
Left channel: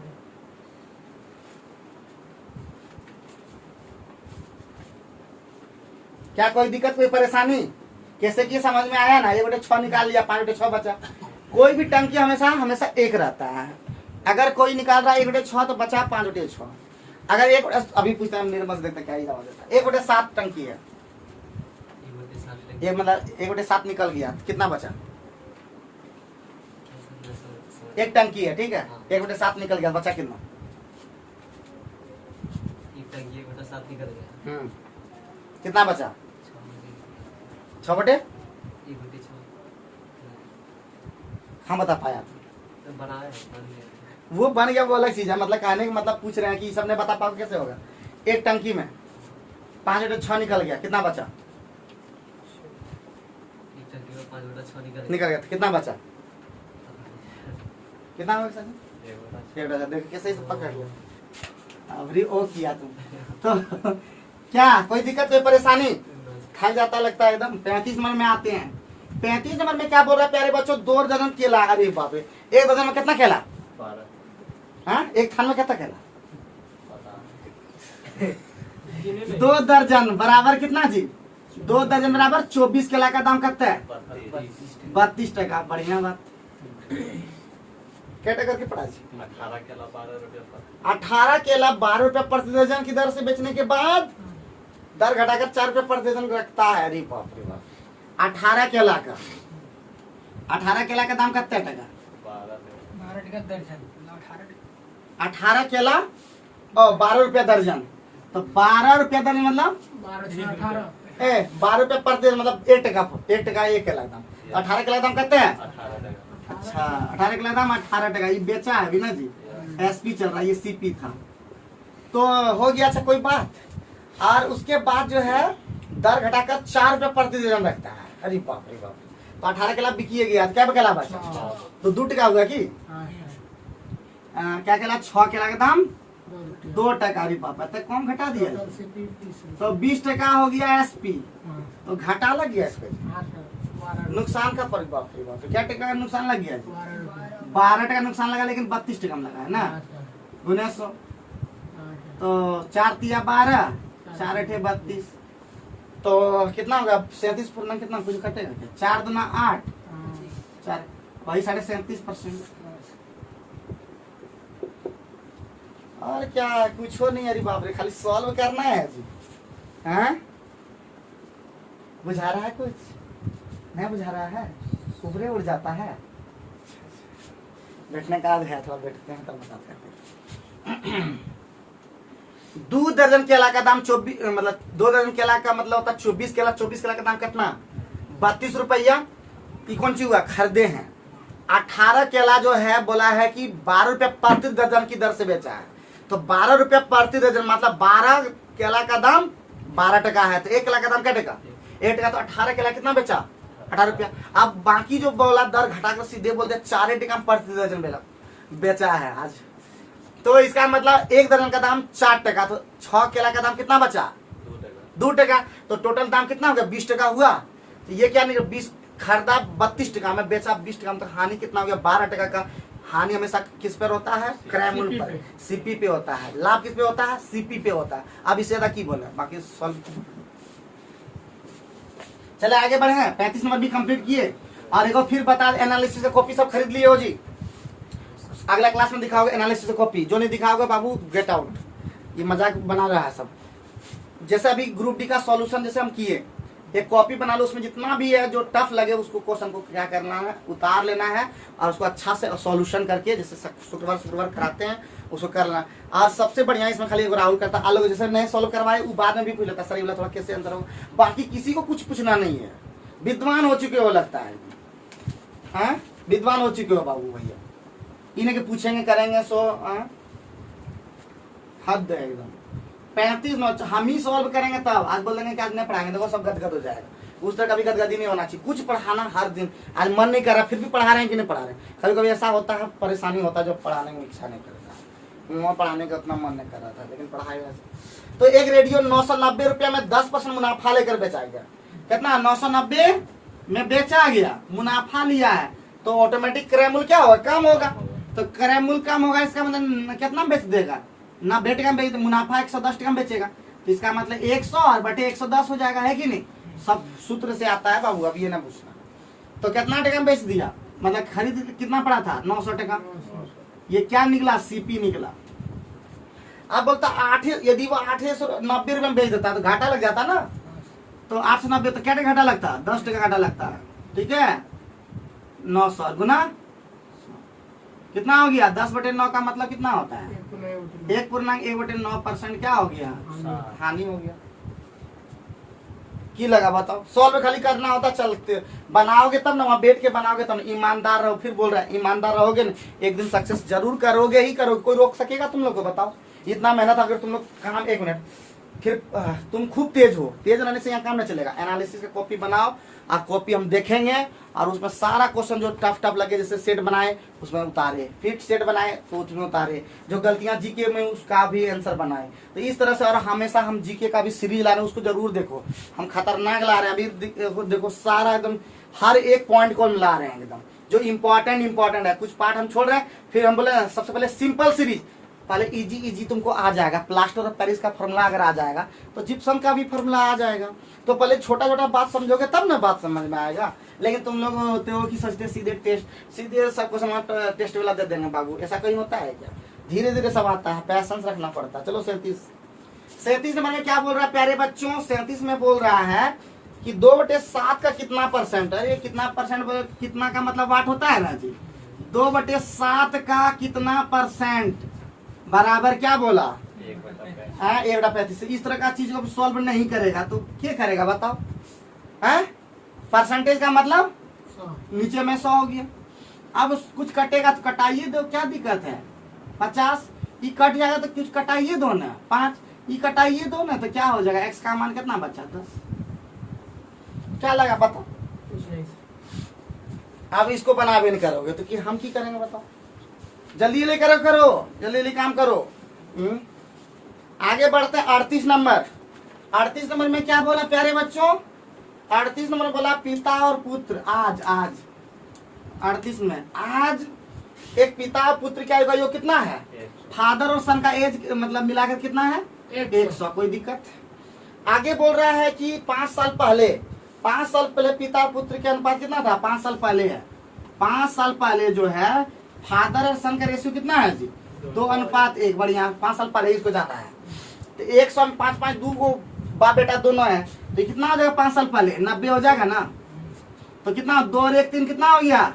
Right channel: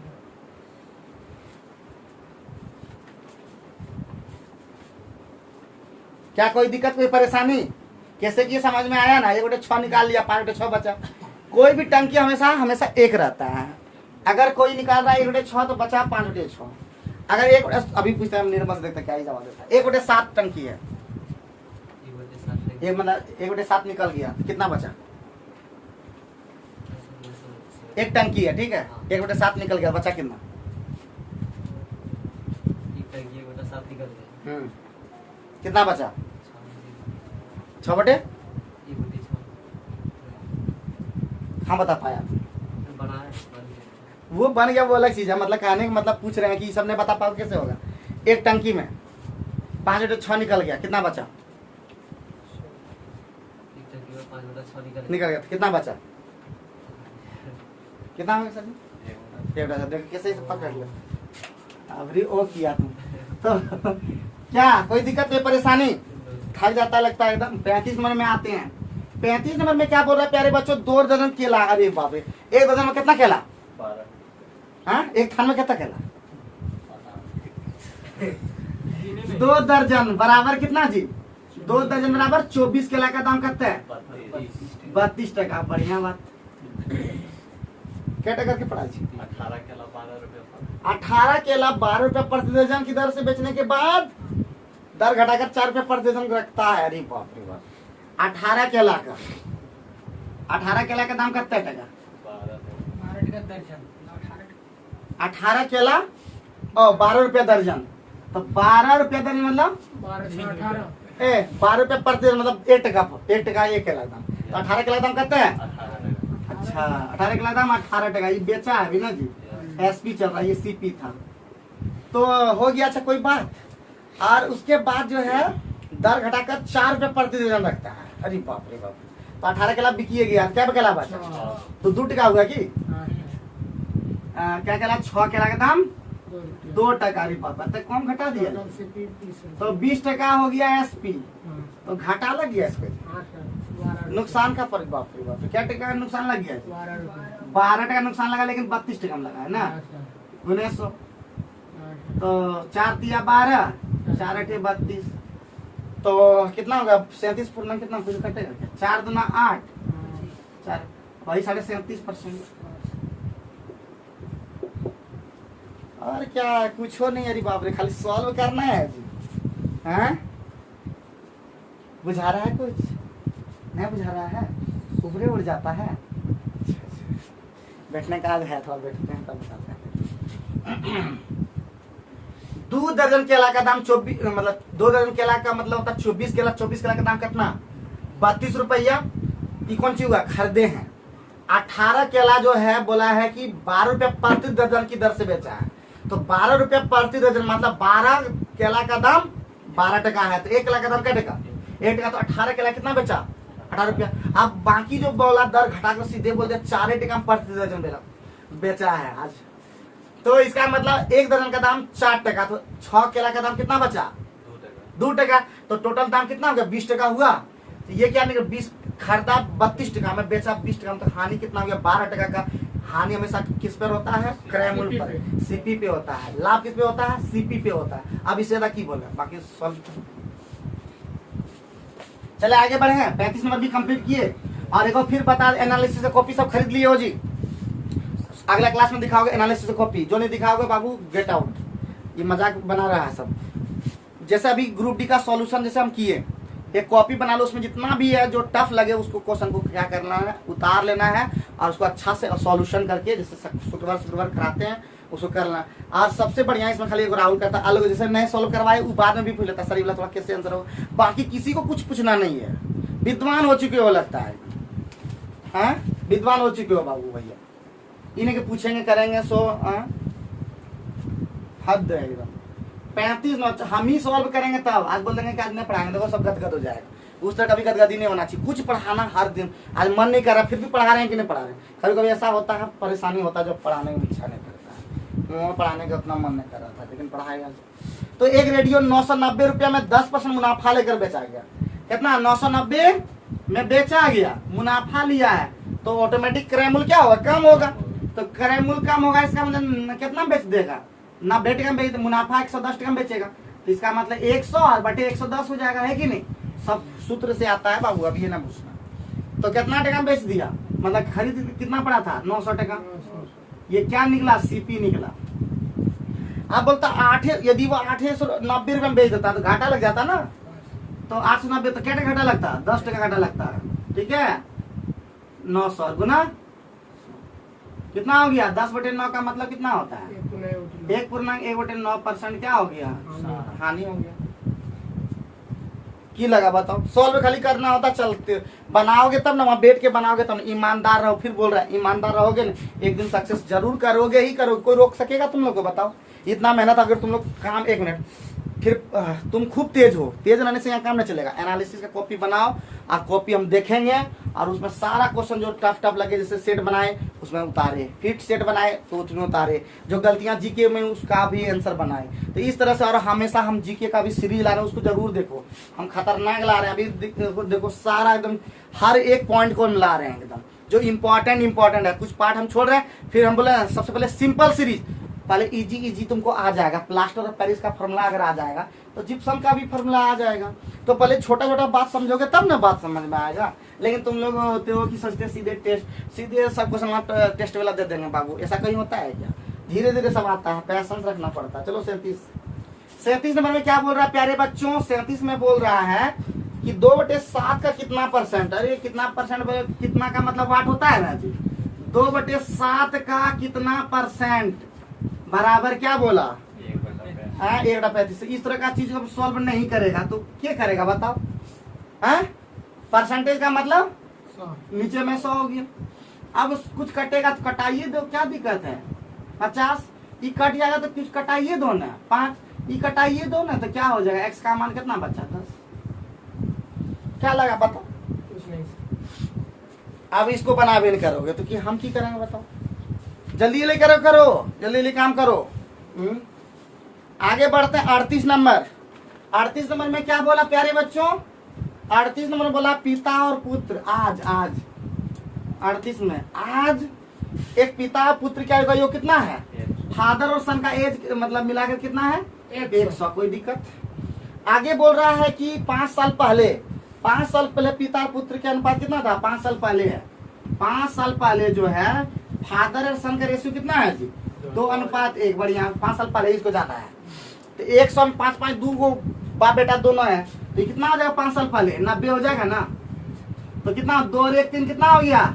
क्या कोई दिक्कत, कोई परेशानी? कैसे कि समझ में आया ना? 1/6 निकाल लिया, 5/6 बचा। कोई भी टंकी हमेशा हमेशा 1 रहता है। अगर कोई निकाल रहा है 1/6 तो बचा 5/6। अगर 1 अभी पूछता है निर्मल से, देखते क्या ही जवाब देता है। 1/7 टंकी है, एक मतलब 1/7 निकल गया, कितना बचा? 1 टंकी है, ठीक है, 1/7 निकल गया, बचा कितना? कितना बचा? 6/? हाँ बता पाया? वो बन गया, वो अलग चीज है। मतलब कहने का मतलब पूछ रहे हैं कि सब ने बता पाओ कैसे होगा। 1 टंकी में 5/6 निकल गया, कितना बचा? निकल गया तो कितना बचा? कितना होगा सर? 1/6। देखो कैसे पकड़ लो, अभी ओ किया तुम तो क्या कोई दिक्कत, कोई परेशानी? खाई जाता लगता है एकदम। 35 नंबर में आते हैं। 35 नंबर में क्या बोल रहा है प्यारे बच्चों? 2 दर्जन केला। अरे बाप रे, 1 दर्जन में कितना केला? 12। हाँ, 1 थान में कितना केला? गिने नहीं। 2 दर्जन बराबर कितना जी? 2 दर्जन बराबर 24 केला का दाम कितना है? 32 टका। बढ़िया बात। क्या टका की पड़ा जी? 18 केला 12 रुपए पर। 18 केला 12 रुपए प्रति दर्जन की दर से बेचने के बाद दर घटाकर 4 रुपए प्रति दर्जन रखता है। अरे बाप रे बाप। 18 केला का 18 केला का दाम कितना टका? 12 दर्जन 18 केला और 12 रुपया दर्जन, तो 12 रुपया दर्जन मतलब 12 रुपए प्रति दर्जन मतलब 1 टका। 1 टका 1 केला दाम, तो 18 केला दाम कितना है? 18 टका। अच्छा, 18 केला दाम 18 टका। ये बेचा है अभी ना जी, एसपी चल रहा है, ये सीपी था। तो हो गया। अच्छा कोई बात। और उसके बाद जो है दर घटाकर 4 रुपए प्रति दर्जन रखता है। अरे बाप रे बाप। तो 18 केला बिकिए गया, क्या केला बचा? तो 2 टका हुआ कि क्या केला? 6 केला का दाम 2 टका। अरे बाप, तो कम घटा दिया, तो 20 टका हो गया एसपी। तो घाटा लग गया इसपे, नुकसान का पर बाप रे बाप। क्या टका का नुकसान लग गया? 12 टका नुकसान लगा, लेकिन 32 टका में लगा है ना 1900। तो 4 तिया 12, 4 8 32, तो कितना होगा? 37 पूर्णांक कितना कुछ कटेगा क्या? 4 दूना 8, 4 वही 37.5%। और क्या कुछ हो नहीं। अरे बाप रे, खाली सॉल्व करना है अभी। हाँ, बुझा रहा है कुछ? नहीं बुझा रहा है, ऊपरे उड़ जाता है। बैठने का है, थोड़ा बैठते हैं तब बताते हैं। 2 दर्जन केला का दाम 24, मतलब 2 दर्जन केला का मतलब होता है 24 केला। 24 केला का दाम कितना? 32 रुपया। कौन सी हुआ? खरीदे हैं। 18 केला जो है बोला है कि 12 रुपया प्रति दर्जन की दर से बेचा है। तो 12 रुपया प्रति दर्जन मतलब 12 केला का दाम 12 टका है। तो 1 केला का दाम क्या टका? 1 टका। तो 18 केला कितना बेचा? 18 रुपया। अब बाकी जो बोला दर घटाकर सीधे बोल दिया 4 टका प्रति दर्जन बेचा है आज। तो इसका मतलब 1 दर्जन का दाम 4 टका। तो 6 केला का दाम कितना बचा? 2 टका। तो टोटल दाम कितना होगा? 20 टका हुआ। तो ये क्या नहीं, 20 खरीदा 32 टका में, बेचा 20 टका में, तो हानि कितना हो गया? 12 टका का। हानि हमेशा किस पर होता है? क्रय मूल्य पर, सीपी पे होता है। लाभ किस पे होता है? सीपी पे होता है। अब इससे ज्यादा की बोल रहा है, बाकी सॉल्व चले आगे बढ़े हैं, 35 नंबर भी कंप्लीट किए। और एक बार फिर बता, एनालिसिस का कॉपी सब खरीद लिए हो जी? अगला क्लास में दिखाओगे एनालिसिस का कॉपी, जो नहीं दिखाओगे बाबू गेट आउट। ये मजाक बना रहा है सब। जैसे अभी ग्रुप डी का सॉल्यूशन जैसे हम किए, एक कॉपी बना लो, उसमें जितना भी है जो टफ लगे उसको क्वेश्चन को क्या करना है, उतार लेना है और उसको अच्छा से सॉल्यूशन करके, जैसे शुक्रवार कराते हैं उसको करना। और सबसे बढ़िया इसमें खाली एक राहुल करता, अलग जैसे नहीं सॉल्व करवाए वो बाद में भी पूछ लेता, सर ये थोड़ा कैसे आंसर हो। बाकी किसी को कुछ पूछना नहीं है, विद्वान हो चुके हो लगता है, हाँ विद्वान हो चुके हो बाबू भैया। इन्हें के पूछेंगे करेंगे सो हद है एकदम। 35 नोट हम ही सॉल्व करेंगे तब, आज बोल देंगे कि आज नहीं पढ़ाएंगे, देखो सब गदगद हो जाएगा। उस तरह कभी गदगदी नहीं होना चाहिए, कुछ पढ़ाना हर दिन। आज मन नहीं कर रहा फिर भी पढ़ा रहे हैं कि नहीं पढ़ा रहे हैं। कभी कभी ऐसा होता है, परेशानी होता है जब पढ़ाने में इच्छा नहीं करता, मुँह पढ़ाने का उतना मन नहीं कर रहा था, लेकिन पढ़ाएगा। तो एक रेडियो 990 रुपया में 10% मुनाफा लेकर बेचा गया। कितना? 990 में बेचा गया, मुनाफा लिया है, तो ऑटोमेटिक क्रय मूल्य क्या होगा? कम होगा। तो क्रय मूल्य कम होगा, इसका मतलब कितना बेच देगा? ना बेच का बेच, मुनाफा 110 टका बेचेगा, तो इसका मतलब 100 और बटे 110 हो जाएगा, है कि नहीं? सब सूत्र से आता है बाबू, अब ये ना पूछना। तो कितना टका बेच दिया, मतलब खरीद कितना पड़ा था? 900 टका। ये क्या निकला? सीपी निकला। अब बोलता 8, यदि वो 890 रुपये में बेच देता तो घाटा लग जाता ना। तो 890 तो क्या घाटा लगता? 10 टका घाटा लगता है, ठीक है। 900 गुना कितना हो गया? 10/9 का मतलब कितना होता है? 1.1/9% क्या हो गया? हानि हो गया। की लगा बताओ? सॉल्व खाली करना होता, चलते बनाओगे तब ना, वहां बैठ के बनाओगे तब। ईमानदार रहो, फिर बोल रहा है ईमानदार रहोगे ना, एक दिन सक्सेस जरूर करोगे ही करोगे। कोई रोक सकेगा तुम लोग को? बताओ। इतना मेहनत अगर तुम लोग काम, एक मिनट, फिर तुम खूब तेज हो, तेज रहने से यहाँ काम नहीं चलेगा। एनालिसिस का कॉपी बनाओ और कॉपी हम देखेंगे और उसमें सारा क्वेश्चन जो टफ लगे, जैसे सेट बनाए उसमें उतारे, फिर सेट बनाए तो उसमें उतारे, जो गलतियां जीके में उसका भी आंसर बनाए। तो इस तरह से, और हमेशा हम जीके का भी सीरीज ला रहे हैं, उसको जरूर देखो। हम खतरनाक ला रहे हैं अभी, देखो सारा एकदम हर एक पॉइंट को हम ला रहे हैं एकदम, जो इम्पोर्टेंट है। कुछ पार्ट हम छोड़ रहे हैं, फिर हम बोले सबसे पहले सिंपल सीरीज, पहले इजी तुमको आ जाएगा। प्लास्टर ऑफ पेरिस का फॉर्मूला अगर आ जाएगा तो जिप्सम का भी फॉर्मूला आ जाएगा। तो पहले छोटा बात समझोगे तब ना बात समझ में आएगा। लेकिन तुम लोग होते हो कि सोचते सीधे सब क्वेश्चन टेस्ट वाला दे देंगे बाबू, ऐसा कहीं होता है क्या? धीरे धीरे सब आता है, पैसेंस रखना पड़ता है। चलो 37 नंबर में क्या बोल रहा है प्यारे बच्चों? 37 में बोल रहा है कि 2/7 का कितना परसेंट? अरे कितना परसेंट, कितना का मतलब वाट होता है ना जी। 2/7 का कितना परसेंट बराबर क्या बोला? 1/35। इस तरह का चीज को सॉल्व नहीं करेगा तो क्या करेगा बताओ? परसेंटेज का मतलब नीचे में 100 हो गया। अब कुछ कटेगा तो कटाइए दो, क्या दिक्कत है? 50 ये कट जाएगा तो कुछ कटाइए दो ना, 5 ये कटाइए दो ना, तो क्या हो जाएगा? x का मान कितना बचा? 10। क्या लगा बताओ? अब इसको बना भी नहीं करोगे तो कि हम की करेंगे बताओ? जल्दी करो जल्दी काम करो। आगे बढ़ते हैं 38 नंबर। 38 नंबर में क्या बोला प्यारे बच्चों? 38 नंबर बोला पिता और पुत्र। आज 38 में आज एक पिता और पुत्र क्या होगा? यो कितना है? फादर और सन का एज मतलब मिलाकर कितना है? 100। कोई दिक्कत? आगे बोल रहा है कि 5 साल पहले पिता और पुत्र के अनुपात कितना था? 5 साल पहले है। 5 साल पहले जो है फादर और सन का रेशियो कितना है जी? 2:1। बढ़िया, 5 साल पहले इसको जाना है। तो 100 में 5 2 को बाप बेटा दोनों है, तो कितना हो जाएगा? 5 साल पहले 90 हो जाएगा ना। तो कितना? 2 और 1 3 कितना हो गया?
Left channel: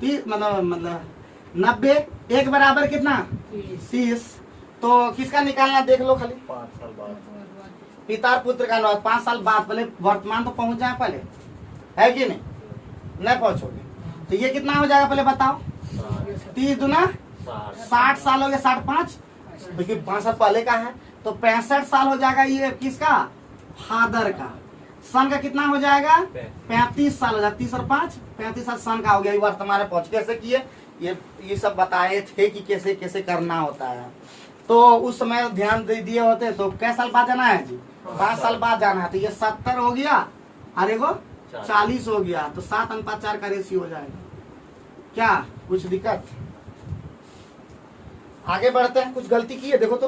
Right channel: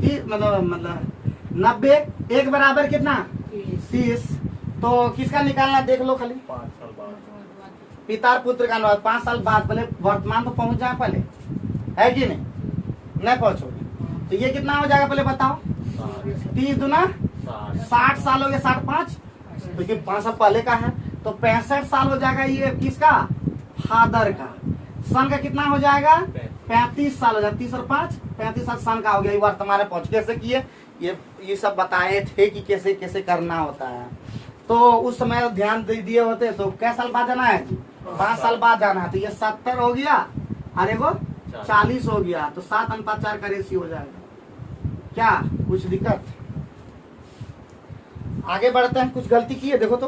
30। मतलब 90 1 बराबर कितना? 30। तो किसका निकालना देख लो खाली। 5 साल बाद पिता और पुत्र का अनुपात 5 साल बाद। पहले वर्तमान तो पहुंच जाए पहले, है कि नहीं पहुंचोगे तो ये कितना हो जाएगा पहले बताओ? 30 दूना 60 साल हो गया। 60 5 लेकिन 5 साल पहले का है तो 65 साल हो जाएगा। ये किसका? फादर का। सन का कितना हो जाएगा? 35 साल हो जाएगा। 30 और 5 35 साल सन का हो गया। वर्तमान में पहुंच कैसे किए ये सब बताए थे कि कैसे कैसे करना होता है। तो उस समय ध्यान दे दिए होते तो कै साल बाद जाना है जी? 5 साल बाद जाना है। तो ये 70 हो गया और एगो 40 हो गया। तो 7:4 का रेशियो हो जाएगा। क्या कुछ दिक्कत? आगे बढ़ते हैं। कुछ गलती की है देखो तो,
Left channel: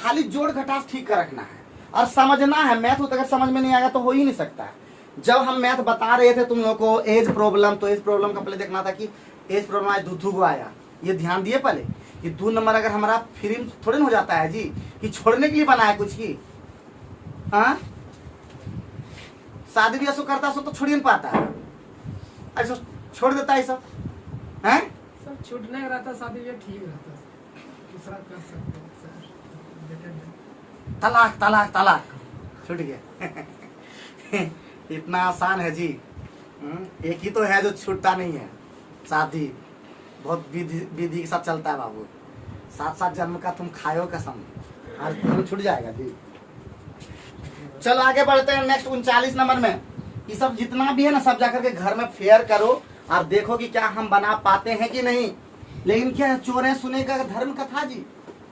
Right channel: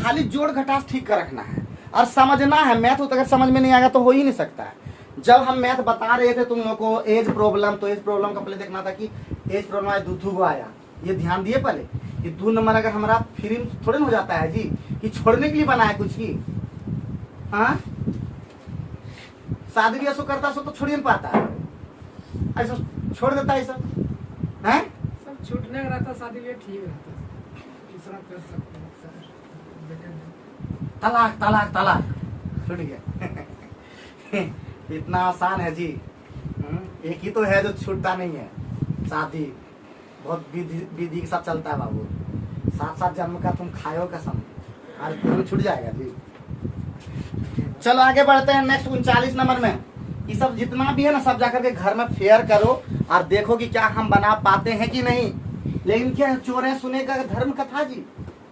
खाली जोड़ घटास ठीक कर रखना है और समझना है। मैथ तो अगर समझ में नहीं आएगा तो हो ही नहीं सकता है। जब हम मैथ बता रहे थे तुम लोग को एज प्रॉब्लम, तो एज प्रॉब्लम का पहले देखना था कि एज प्रॉब्लम आज दूधू को आया, ये ध्यान दिए पहले कि 2 नंबर अगर हमारा फ्री थोड़े ना हो जाता है जी, कि छोड़ने के लिए बनाया कुछ की। हाँ, शादी ब्याह करता सो तो छोड़ ही नहीं पाता है, ऐसा छोड़ देता है सब हैं। सब छूटने का रहता, शादी भी ठीक रहता, दूसरा कर सकते हैं सर, बेटा नहीं। तलाक तलाक तलाक छूट गया। इतना आसान है जी। एक ही तो है जो छूटता नहीं है, शादी बहुत विधि के साथ चलता है बाबू। 7 जन्म का तुम खाओ कसम, आज तुम छूट जाएगा जी। चलो आगे बढ़ते हैं नेक्स्ट 39 नंबर में। ये सब जितना भी है ना सब जाकर के घर में फेयर करो और देखो कि क्या हम बना पाते हैं कि नहीं। लेकिन क्या चोरे सुने का धर्म कथा जी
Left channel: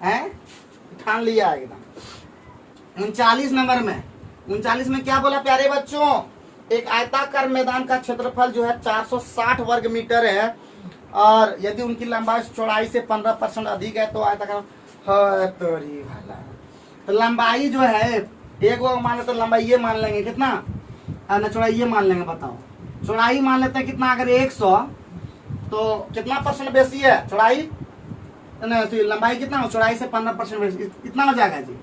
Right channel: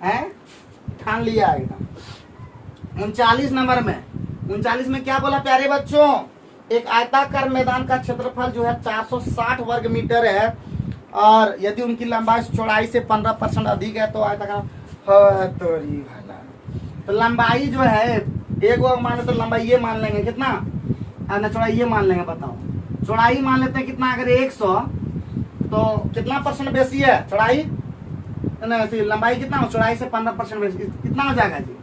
है, ठान लिया एकदम। 39 नंबर में, 39 में क्या बोला प्यारे बच्चों, एक आयताकार मैदान का क्षेत्रफल जो है 460 वर्ग मीटर है, और यदि उनकी लंबाई चौड़ाई से 15% अधिक है तो आयताकार। तो लंबाई जो है एक वो मान लेते, लंबाई ये मान लेंगे कितना, और चौड़ाई ये मान लेंगे। बताओ चौड़ाई मान लेते हैं कितना, अगर 100 तो कितना परसेंट बेसी है चौड़ाई, तो लंबाई कितना हो, चौड़ाई से 15% बेसी, कितना हो जाएगा जी।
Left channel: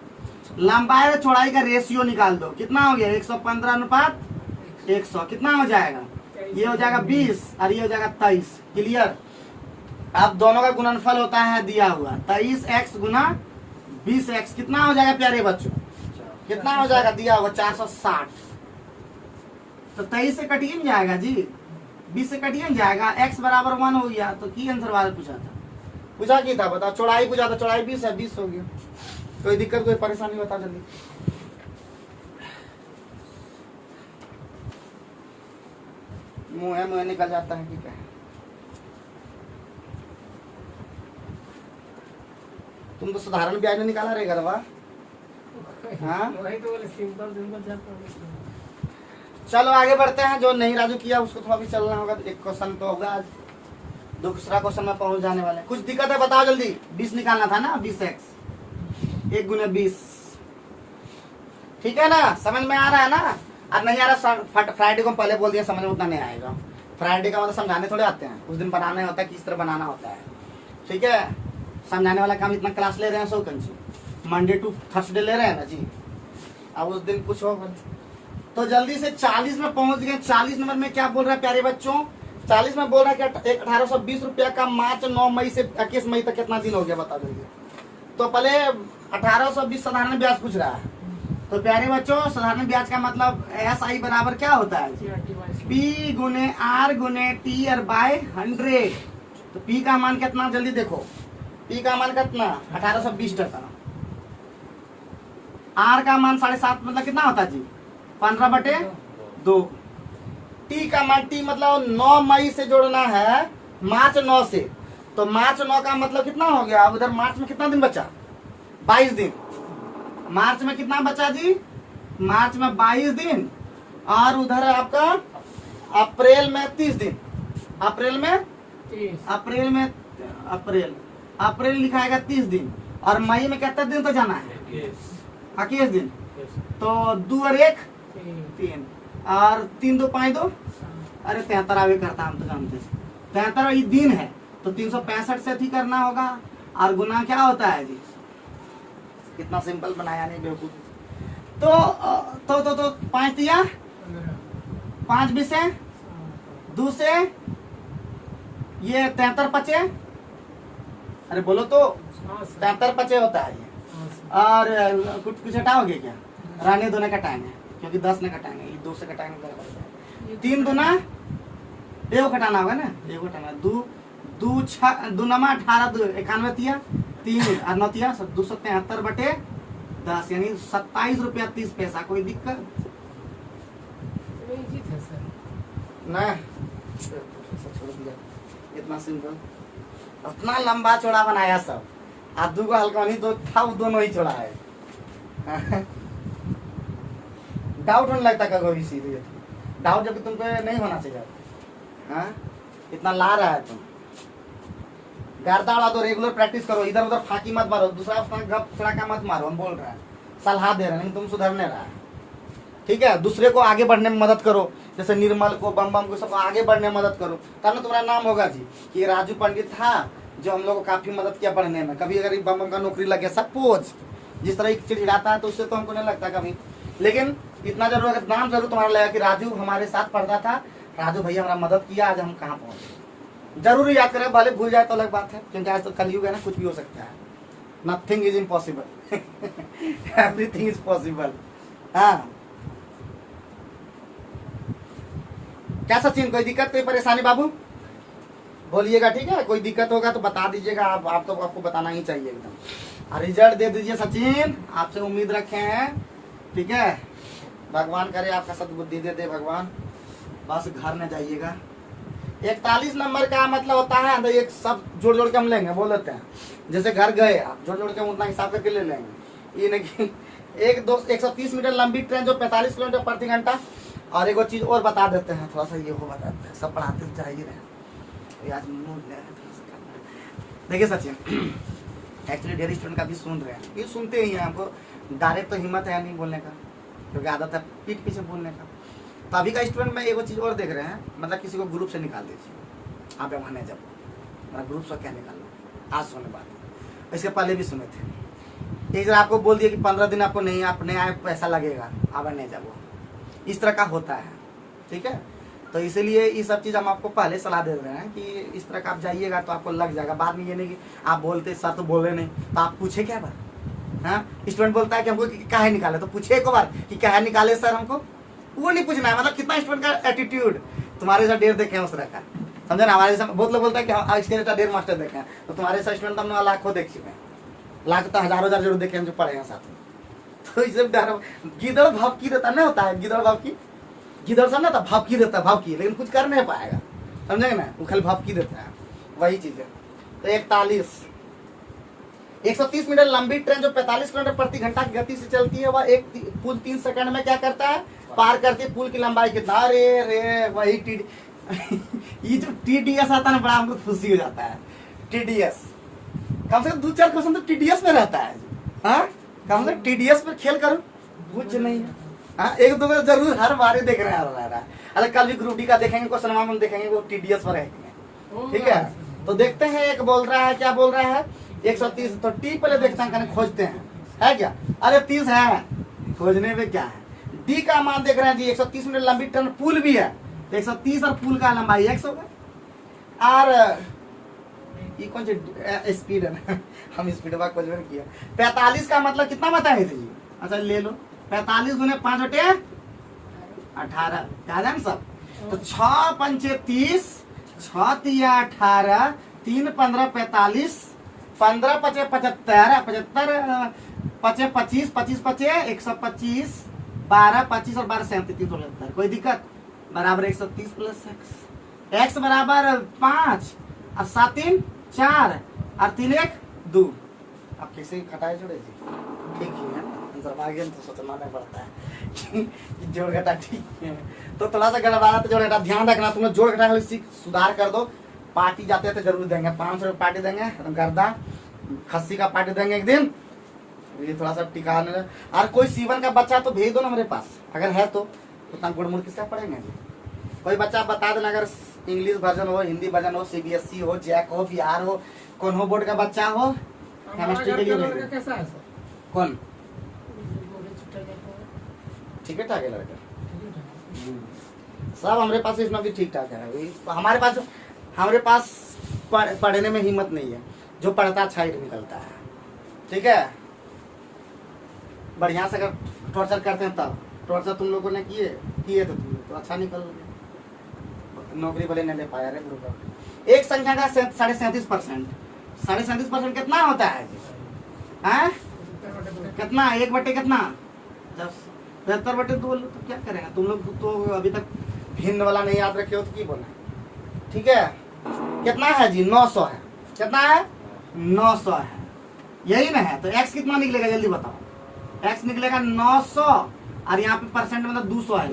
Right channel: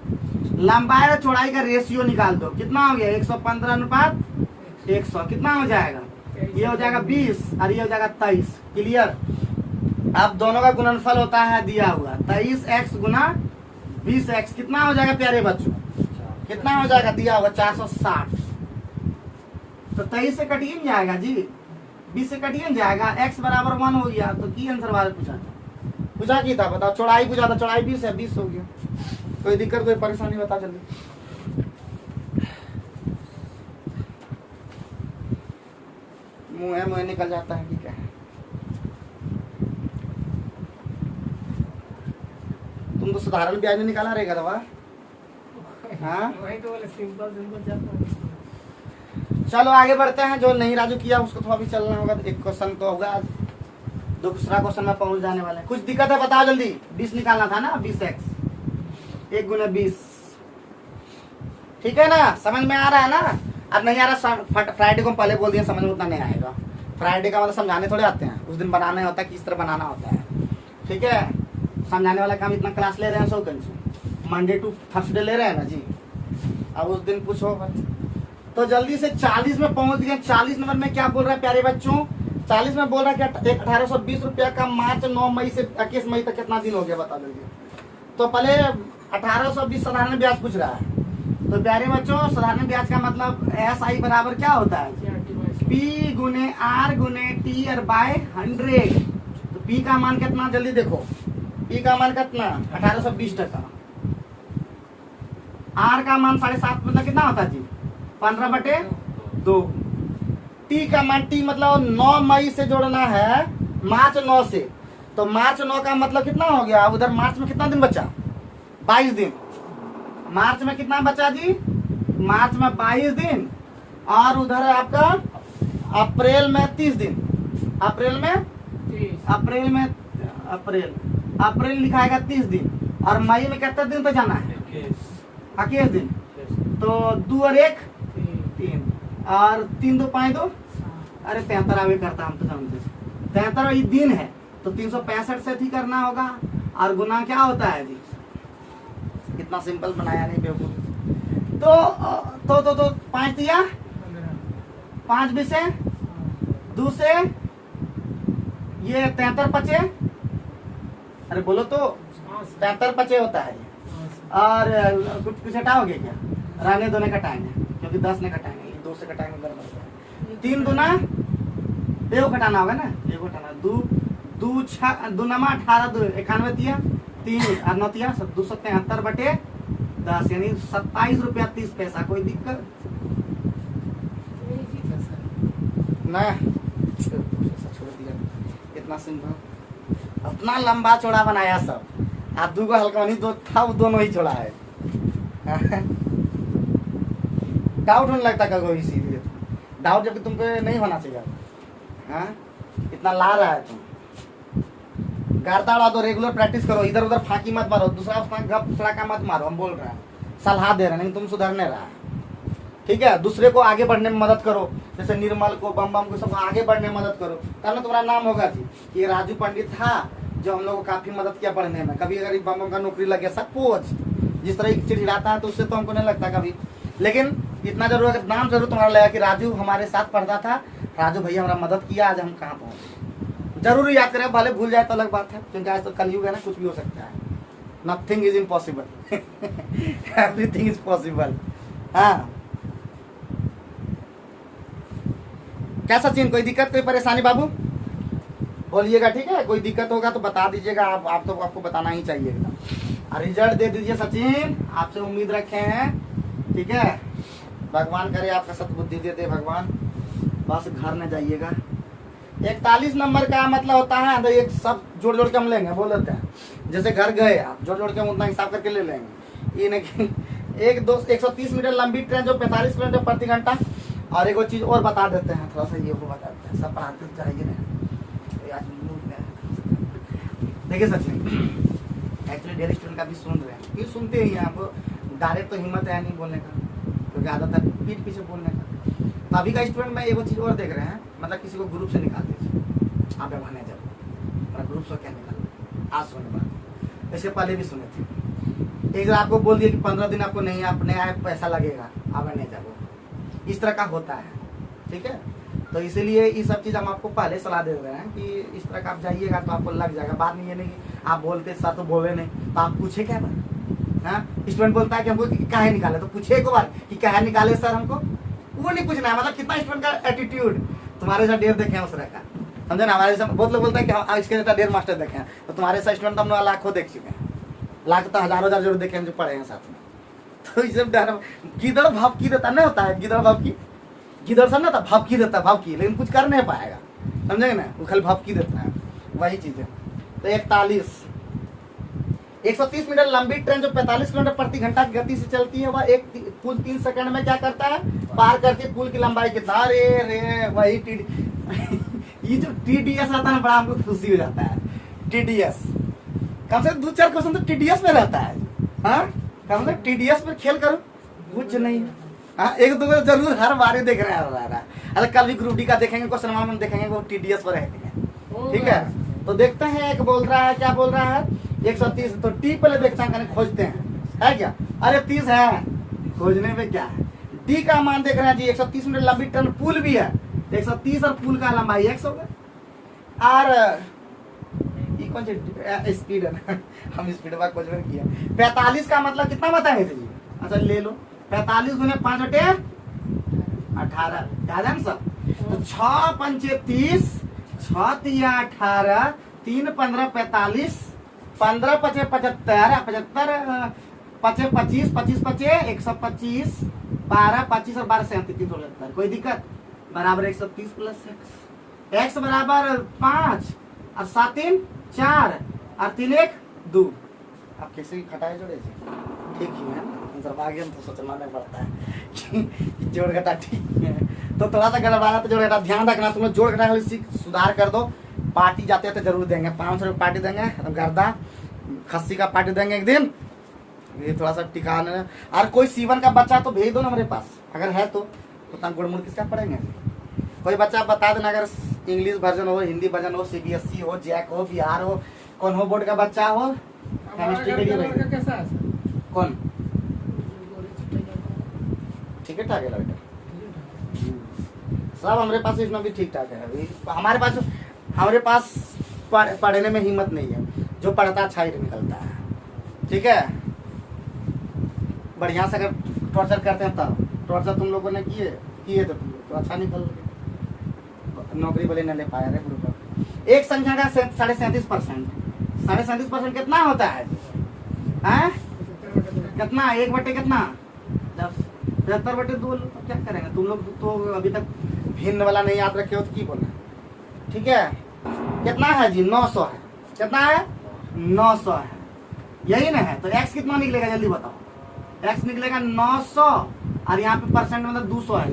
लंबाई और चौड़ाई का रेशियो निकाल दो, कितना हो गया 115 अनुपात 100, कितना हो जाएगा, ये हो जाएगा 20 और ये हो जाएगा 23। क्लियर। अब दोनों का गुणनफल होता है दिया हुआ 23x गुना 20x, कितना हो जाएगा प्यारे बच्चों, कितना हो जाएगा दिया हुआ 460। तो 23 से कटिए नहीं जाएगा जी, 20 से कटिए नहीं जाएगा, x बराबर 1 हो गया। तो की आंसर वाले पूछा की था, बताओ चौड़ाई पूछा था, चौड़ाई 20 है, 20 हो गया। कोई दिक्कत कोई परेशानी बता जल्दी। मुंह निकल जाता है, ठीक है। तुम तो साधारण ब्याज में निकाला रहेगा दवा। हाँ? वही तो बोले सिंपल सिंपल जाता। चलो आगे बढ़ते हैं, जो नहीं राजू किया उसको थोड़ा भी चलना होगा। एक क्वेश्चन तो होगा, दूसरा क्वेश्चन में पहुंच जाने वाले। कुछ दिक्कत है बताओ जल्दी। 20 निकालना था ना, 20x 1 गुना 20, ठीक है ना, समझ में आ रहा है ना। अब नहीं आ रहा, फ्राइडे को पहले बोल दिया, समझ में उतना नहीं आएगा। फ्राइडे का मतलब समझाने थोड़े आते हैं, उस दिन बनाना होता है, किस तरह बनाना होता है, ठीक है। समझाने वाला काम इतना क्लास ले रहे हैं, सो मंडे टू थर्सडे ले रहे हैं ना जी। अब उस दिन कुछ होगा तो जल्दी से 40 में पहुंच गए। 40 नंबर में क्या बोल रहा है प्यारे बच्चों, 40 में बोल रहा है कि 1820 रुपया का मार्च 9 मई से 21 मई तक कितना दिन हो गया, बता जल्दी। तो पहले 1820 साधारण ब्याज पूछ रहा है। तो प्यारे बच्चों साधारण ब्याज का मतलब SI बराबर क्या होता है, P गुने R गुने T और बाय 100। तो P का मान कितना, जल्दी देखो, P का मान कितना 1820 टका, R का मान 7.5 मतलब कितना होता है जी 15/2। T का मान, T मतलब 9 मई से जोड़ना है मार्च 9 से। तो मार्च 9 का मतलब कितना हो गया, उधर मार्च में कितना दिन बचा, 22 दिन। मार्च में कितना बचा जी, मार्च में 22 दिन, और उधर आपका अप्रैल में 30 दिन, अप्रैल लिखाएगा 30 दिन, और मई में कितने दिन तो जाना है 21 दिन। तो 2 और 1 3, और 3 2 5 2, अरे 73 आवे करता, हम तो जानते हैं 73 ही दिन है। तो 365 से थी करना होगा, और गुना क्या होता है जी, कितना सिंपल बनाया नहीं बेवकूफ। तो 5 दिया, 5 भी से 2 से ये 73 बचे, अरे बोलो तो 73 बचे होता है। और कुछ हटाओगे क्या, रहने दो, ने कटाएंगे क्योंकि 10 ने कटाएंगे, 2 से कटाएंगे 3 दूना, एगो घटाना होगा ना, एगो घटाना, 2 6 2 नमा 18 2 91 तिया 3 और 9 तिया 273/10 यानी 27 रुपया 30 पैसा। कोई दिक्कत नहीं, छोड़ दिया, इतना सिंपल, इतना लंबा चौड़ा बनाया सब। आप 2 को हल्का नहीं, 2 था वो दोनों ही छोड़ा है। डाउट होने लगता है कभी, इसीलिए डाउट जबकि तुमको नहीं होना चाहिए। हाँ? इतना ला रहा है तुम, गारदाड़ा दो, रेगुलर प्रैक्टिस करो, इधर उधर फांकी मत मारो, दूसरा का मत मारो। हम बोल रहे हैं, सलाह दे रहे हैं, नहीं तुम सुधरने रहा है, ठीक है, दूसरे को आगे बढ़ने में मदद करो, जैसे निर्मल को, बम बम को, सब आगे बढ़ने में मदद करो, तब ना तुम्हारा नाम होगा जी कि राजू पंडित था जो हम लोग को काफी मदद किया पढ़ने में। कभी अगर बम बम का नौकरी लग गया, सपोज जिस तरह चिड़चिड़ाता है तो उससे तो हमको नहीं लगता कभी, लेकिन इतना जरूर नाम जरूर तुम्हारा लगा कि राजू हमारे साथ पढ़ता था, राजू भैया हमारा मदद किया, आज हम कहाँ पहुंचे। जरूर याद करें, भले भूल जाए तो अलग बात है, क्योंकि आज तो कलयुग है ना, कुछ भी हो सकता है। Nothing is impossible, everything is possible. हाँ, क्या सचिन, कोई दिक्कत कोई परेशानी बाबू बोलिएगा, ठीक है? कोई दिक्कत होगा तो बता दीजिएगा, आप तो आपको बताना ही चाहिए एकदम। रिजल्ट दे दीजिए सचिन, आपसे उम्मीद रखे हैं, ठीक है? भगवान करे आपका सद्बुद्धि दे दे भगवान, बस घर में जाइएगा। 41 नंबर का मतलब होता है, तो एक सब जोड़ जोड़ के हम लेंगे, बोल देते हैं, जैसे घर गए आप जोड़ जोड़ के हम उतना हिसाब करके ले लेंगे। ये नहीं 130 मीटर लंबी ट्रेन जो 45 किलोमीटर प्रति घंटा। और एक चीज और बता देते हैं, थोड़ा सा ये वो बताते हैं, सब पढ़ाते चाहिए ना। देखिए सचिन, एक्चुअली डेयर स्टूडेंट का भी सुन रहे हैं, ये सुनते ही हैं, आपको डायरेक्ट तो हिम्मत है नहीं बोलने का, क्योंकि आदत है पीठ पीछे बोलने का। तो अभी का स्टूडेंट में एक चीज और देख रहे हैं, मतलब किसी को ग्रुप से निकाल दीजिए, आप मैनेजर ग्रुप से क्या निकालो, आज सुने बात, इसके पहले भी सुने थे। एक बार आपको बोल दिया कि 15 दिन आपको नहीं आए पैसा लगेगा, आप मैनेजर, इस तरह का होता है, ठीक है? तो इसीलिए ये सब चीज हम आपको पहले सलाह दे रहे हैं कि इस तरह का आप जाइएगा तो आपको लग जाएगा। बाद में ये नहीं कि आप बोलते सर तो बोले नहीं, तो आप पूछे क्या बार, हाँ? स्टूडेंट बोलता है कि हमको काहे निकाले, तो पूछे एक बार कि काहे निकाले सर हमको, वो नहीं पूछना है। मतलब कितना स्टूडेंट का एटीट्यूड, तुम्हारे जैसा डेढ़ देखे हैं उस तरह का, समझे ना? हमारे जैसा बहुत लोग बोलते हैं कि इसके जैसा डेढ़ मास्टर देखे हैं, तो तुम्हारे जैसा स्टूडेंट हम लोग लाखों देख चुके हैं, लाख तो हजारों जरूर देखे हैं जो पढ़े हैं साथ में। तो इस गिदड़ भाव की देता नहीं होता है, गिदड़ भाव की, गिदड़ सब ना था भाव की देता, भाव की, लेकिन कुछ कर नहीं पाएगा, समझेंगे ना? वो खाली भाव की देता है, वही चीज है। तो 130 मीटर लंबी ट्रेन जो 45 किलोमीटर प्रति घंटा की गति से चलती है, वह एक पुल 3 सेकंड में क्या करता है, पार करती है। पुल की लंबाई कितना, अरे वही ये जो TDS आता है ना, बड़ा हमको खुशी हो जाता है। TDS कम से कम 2-4 क्वेश्चन तो TDS में रहता है, हाँ? कम से कम TDS पर खेल करो, कुछ नहीं, हाँ? एक दो जरूर हर बार देख रहे हैं। अरे कल भी ग्रुप डी का देखेंगे क्वेश्चन, हम देखेंगे वो TDS पर है कि नहीं, ठीक है? तो देखते हैं, एक बोल रहा है, क्या बोल रहा है, 130, तो टी पहले देखते हैं, खोजते हैं, है क्या? अरे 30 है, खोजने में क्या है? डी का मान देख रहे हैं जी, 130 मीटर लंबी ट्रेन, पुल भी है, 130 और पुल का लंबाई x होगा। और ये कौन सी स्पीड है ना, हम स्पीड का क्वेश्चन किया। 45 का मतलब कितना बताए थे जी? अच्छा ले लो, 45 गुने 5 बटे 18, याद है ना सब? तो 6 पंचे 30, 6 तिया 18, 3 15 45, 15 पचे 75, 75 पचे 25, 25 पचे 125, 12 25 और 12 37, 375। कोई दिक्कत? बराबर 130 प्लस x बराबर 5 और 7 3 4 और 3 1 2। आप कैसे घटाए जोड़े जी? ठीक ही है, आगे तो सोचना नहीं पड़ता है जोड़ घटा ठीक है। तो थोड़ा सा गड़बड़ा तो जोड़ घटा ध्यान रखना, तुम लोग जोड़ घटा सीख सुधार कर दो। पार्टी जाते हैं तो जरूर देंगे, 500 रुपये पार्टी देंगे, गर्दा खस्सी का पार्टी देंगे एक दिन, ये थोड़ा सा टिकाने। और कोई सीवन का बच्चा तो भेज दो ना मेरे पास, अगर है तो उतना गुड़मुड़ किसका पढ़ेंगे। कोई बच्चा बता देना, अगर इंग्लिश वर्जन हो, हिंदी वर्जन हो, CBSE हो, जैक हो, बिहार हो, कौन हो बोर्ड का बच्चा हो, केमिस्ट्री के लिए कैसा है? कौन ठीक ठाक है लड़का, सब हमारे पास इसमें भी ठीक ठाक है। हमारे पास पढ़ने में हिम्मत नहीं है, जो पढ़ता अच्छा ही निकलता है, ठीक है? बढ़िया से अगर टॉर्चर करते हैं तब, टॉर्चर तुम लोगों ने किए तो तुम लोग तो अच्छा निकल नौकरी वाले नहीं ले पाया रे ग्रुप। एक संख्या का 37.5%, 37.5% कितना होता है? हैं? कितना? 1 बटे कितना? 73 बटे 2। तो क्या करेंगे तुम लोग, तो अभी तक भिन्न वाला नहीं याद रखे हो तो की बोले, ठीक है? कितना है जी? 900 है। कितना है? 900 है, यही ना है? तो x कितना निकलेगा जल्दी बताओ? x निकलेगा 900 और यहाँ पे परसेंट मतलब 200 है,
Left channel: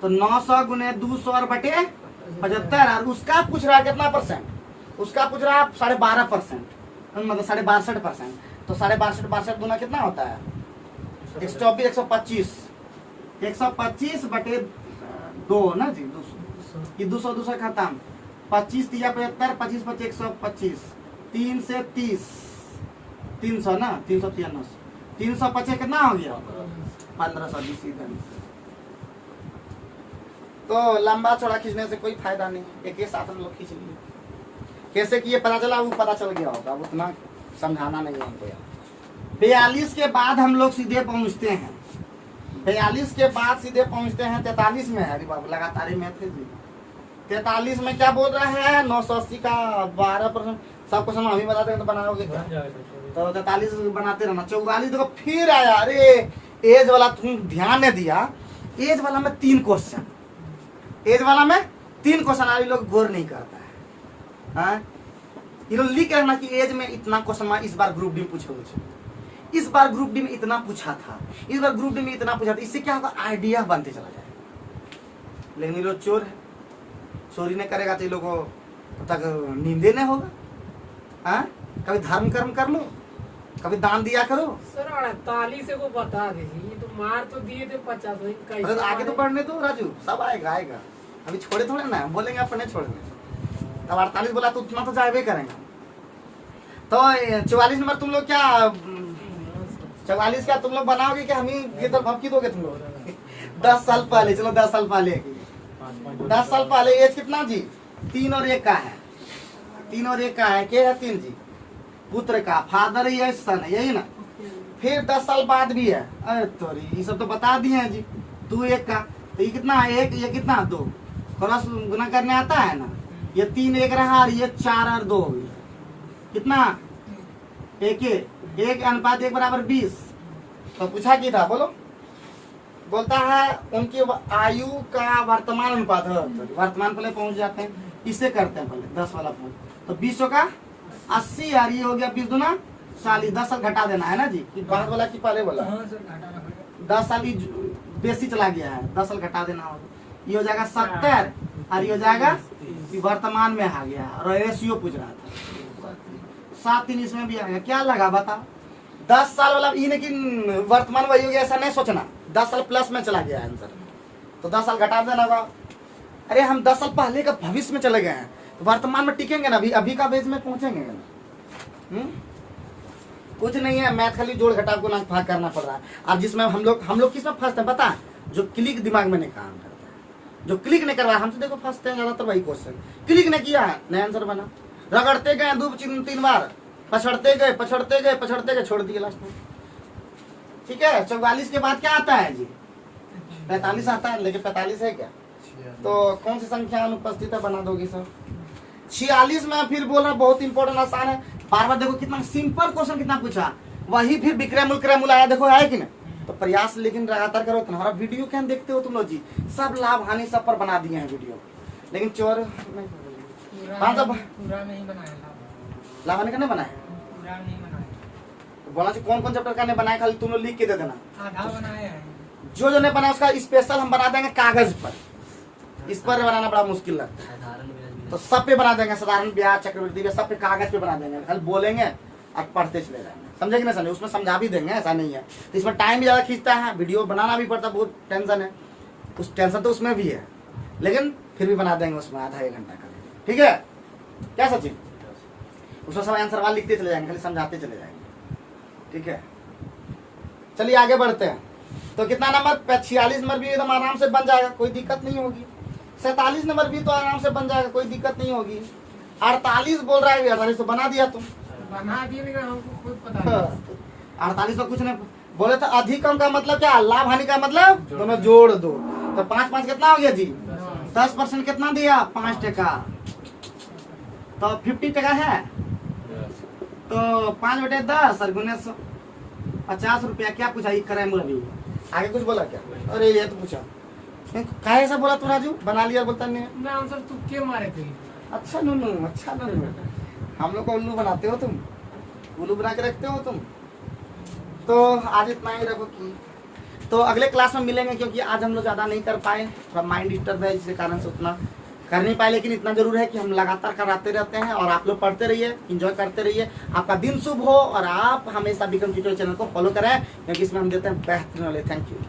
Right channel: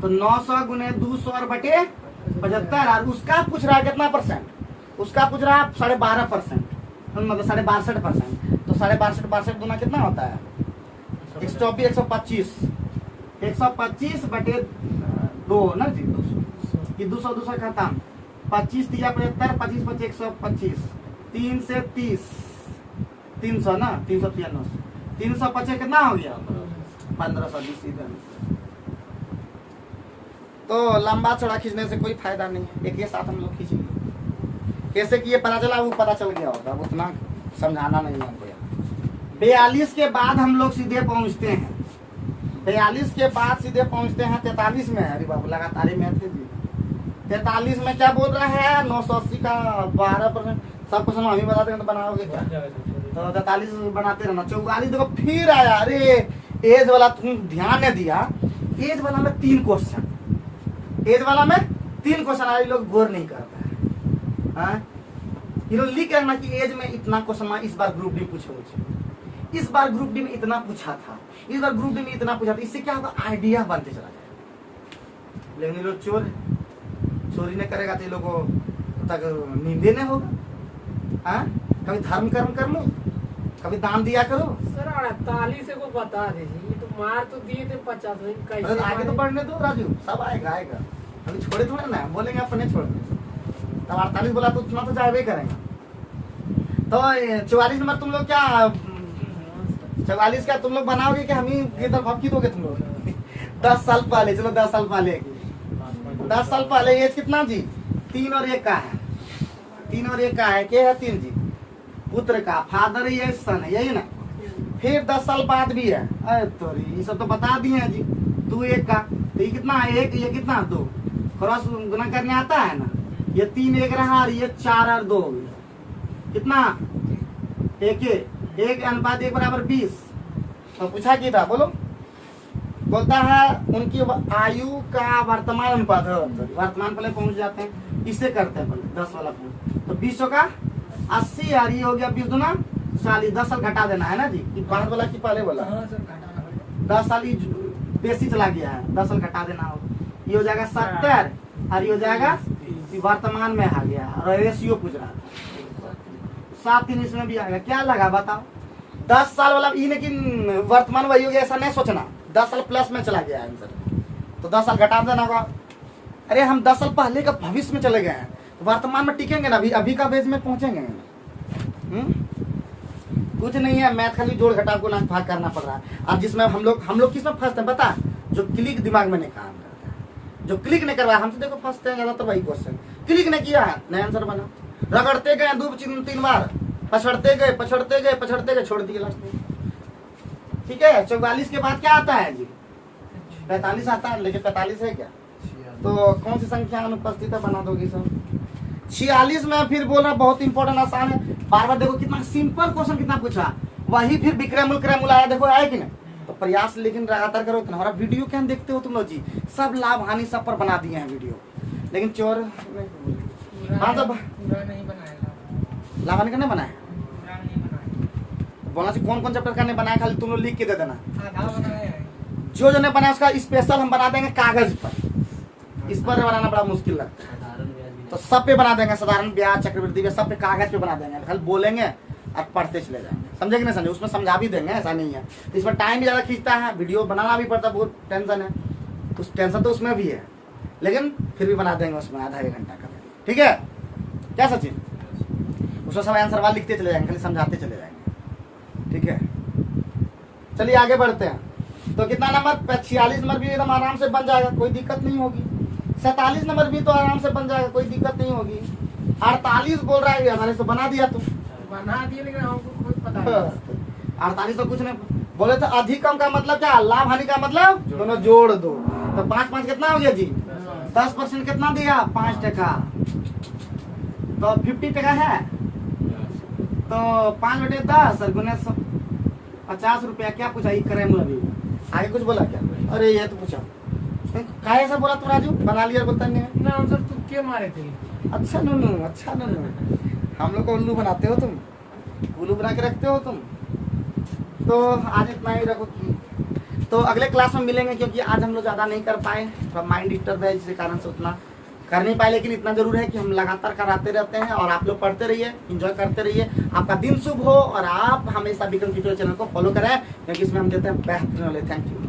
तो 900 गुने 200 और बटे 75। और उसका पूछ रहा है कितना परसेंट? उसका पूछ रहा है 12.5%, मतलब 62.5%। तो 62.5 गुना कितना होता है? 124, 125, 125 बटे 2 ना जी, 200 कि 200 200 खत्म, 25 तिया 75, 25 25 125, 3 से 30 300 ना, 393, 350 कितना हो गया 1520 सीधा। तो लंबा चौड़ा खींचने से कोई फायदा नहीं, एक ही साथ हम लोग खींच लिए। कैसे कि ये पता चला, वो पता चल गया होगा, उतना समझाना नहीं है हमको यार। 42 के बाद हम लोग सीधे पहुंचते हैं, 42 के बाद सीधे पहुंचते हैं 43 में। अरे बाबू लगातार ही में थे जी। 43 में क्या बोल रहा है, 980 का 12%। सब कुछ हम ही बता देंगे तो बनाओगे क्या? तो 43 बनाते रहना। 44 देखो फिर आया, अरे एज वाला तुम ध्यान नहीं दिया, एज वाला में 3 क्वेश्चन, एज वाला में 3 क्वेश्चन आ, लोग गौर नहीं करता है। ये लोग लिख रहे ना कि एज में इतना क्वेश्चन इस बार ग्रुप डी पूछे मुझे, इस बार ग्रुप डी में इतना पूछा था, इस बार ग्रुप डी में इतना पूछा था। इससे क्या होगा, आइडिया बनते चला जाए। लेकिन ये लोग चोरी नहीं करेगा तो ये लोग को तक नींदे नहीं होगा। कभी धर्म कर्म कर लो, कभी दान दिया करो। सर 48 को बता दीजिए, ये तो मार तो दिए थे 50, कैसे आगे तो बढ़ने दो राजू, सब आएगा आएगा, अभी छोड़े थोड़े ना, बोलेंगे अपने छोड़ दो। तब 48 बोला तो उतना तो जाए करेंगे। तो 44 नंबर तुम लोग क्या 44 का तुम लोग बनाओगे कि हम ही इधर भपकी दोगे तुम लोग? 10 साल पहले, चलो 10 साल पहले, 10 साल पहले एज कितना जी, 3 और 1 का है, 3 और 1 का है, क्या है 3 जी, पुत्र का, फादर ही है, सन है, यही ना। फिर 10 साल बाद भी है, अरे तो ये सब तो बता दिए हैं जी। 2 1 का, तो ये कितना है 1, ये कितना 2, क्रॉस गुना करने आता है ना, ये 3 1 रहा और ये 4 और 2 हो गया, कितना 1 अनुपात 1 बराबर 20। तो पूछा क्या था बोलो, बोलता है उनकी आयु का वर्तमान अनुपात है, वर्तमान पहले पहुंच जाते हैं, इससे करते हैं पहले 10 वाला पहुंच, तो 20 का 80 यार, ये हो गया 20 दूना 40, 10 साल घटा देना है ना जी, कि बाद वाला की पहले वाला 10 साल बेसी चला गया है, 10 साल घटा देना हो, ये हो जाएगा 70 और ये हो जाएगा वर्तमान में आ गया, और रेशियो पूछ रहा था 7-3 इसमें भी आएगा। क्या लगा बताओ, 10 साल वाला ये, लेकिन वर्तमान वही हो गया, ऐसा नहीं सोचना, 10 साल प्लस में चला गया आंसर, तो 10 साल घटा देना होगा। अरे हम 10 साल पहले का भविष्य में चले गए हैं, वर्तमान में टिकेंगे ना, अभी का बेस में पहुंचेंगे। कुछ नहीं है, मैथ खाली जोड़ घटाव को ना भाग करना पड़ रहा है। अब जिसमें हम लोग किसमें फंसते हैं पता, जो क्लिक दिमाग में नहीं काम करता है, जो क्लिक नहीं करवाया, हम तो देखो फंसते हैं ज्यादातर वही क्वेश्चन, क्लिक नहीं किया है नया आंसर बना, रगड़ते गए 2-3 बार, पछड़ते गए छोड़ दिए लास्ट में। ठीक है, 44 के बाद क्या आता है जी, 45 आता है, लेकिन 45 है क्या, तो कौन सी संख्या अनुपस्थित है, बना दोगे सब। 46 में फिर बोलना बहुत इंपॉर्टेंट, आसान है, बार बार देखो कितना सिंपल क्वेश्चन कितना पूछा, वही फिर विक्रमुल आया, देखो आया कि नहीं। तो प्रयास लेकिन लगातार करो। हमारा वीडियो क्या देखते हो तुम लोग जी, सब लाभ हानि सब पर बना दिए हैं वीडियो, लेकिन चोर पूरा नहीं बनाया, लाभ हानि का नहीं बनाया, बोला कौन कौन चैप्टर का नहीं बनाया, खाली तुम लोग लिख के दे देना, जो नहीं बनाया उसका स्पेशल हम बना देंगे कागज पर, इस पर बनाना बड़ा मुश्किल लगता है, तो सब पे बना देंगे, साधारण ब्याज चक्रवृद्धि ब्याज सब पे कागज पे बना देंगे, खाली बोलेंगे और पढ़ते चले जाएंगे, समझे कि नहीं समझे, उसमें समझा भी देंगे, ऐसा नहीं है। तो इसमें टाइम भी ज्यादा खींचता है, वीडियो बनाना भी पड़ता है, बहुत टेंशन है, उस टेंशन तो उसमें भी है, लेकिन फिर भी बना देंगे उसमें आधा 1 घंटा का, ठीक है क्या सचिन, उसमें सब आंसर वाला लिखते चले जाएंगे, खाली समझाते चले जाएंगे, ठीक है। चलिए आगे बढ़ते हैं, तो कितना नंबर 46 नंबर भी एकदम आराम से बन जाएगा, कोई दिक्कत नहीं होगी। 47 नंबर भी तो आराम से बन जाएगा, कोई दिक्कत नहीं होगी। 48 बोल रहा है, 48 तो बना दिया तुम, बना दिए, लेकिन हमको खुद पता नहीं। 48 तो कुछ नहीं बोले तो, अधिकम का मतलब क्या, लाभ हानि का मतलब दोनों जोड़ दो, तो 5 कितना हो गया जी, 10% कितना दिया 5%, तो 50% है, तो 5/10 और गुने 50 रुपया। क्या पूछा ये करे मुझे, आगे कुछ बोला क्या, अरे ये तो पूछा काहे ऐसा बोला तू राजू, बना लिया बोलता नहीं ना आंसर तुम क्यों मारे थे। अच्छा नूनू, अच्छा नूनू, हम लोग को उल्लू बनाते हो तुम, उल्लू बना के रखते हो तुम। तो आज इतना ही रखो कि तो अगले क्लास में मिलेंगे, क्योंकि आज हम लोग ज़्यादा नहीं कर पाए, थोड़ा माइंड डिस्टर्ब है, जिसके कारण से उतना कर नहीं पाए, लेकिन इतना जरूर है कि हम लगातार कराते रहते हैं, और आप लोग पढ़ते रहिए, एंजॉय करते रहिए, आपका दिन शुभ हो, और आप हमेशा विक्रम ट्यूटोरियल चैनल को फॉलो करें, क्योंकि इसमें हम देते हैं बेहतरीन नॉलेज। Thank you.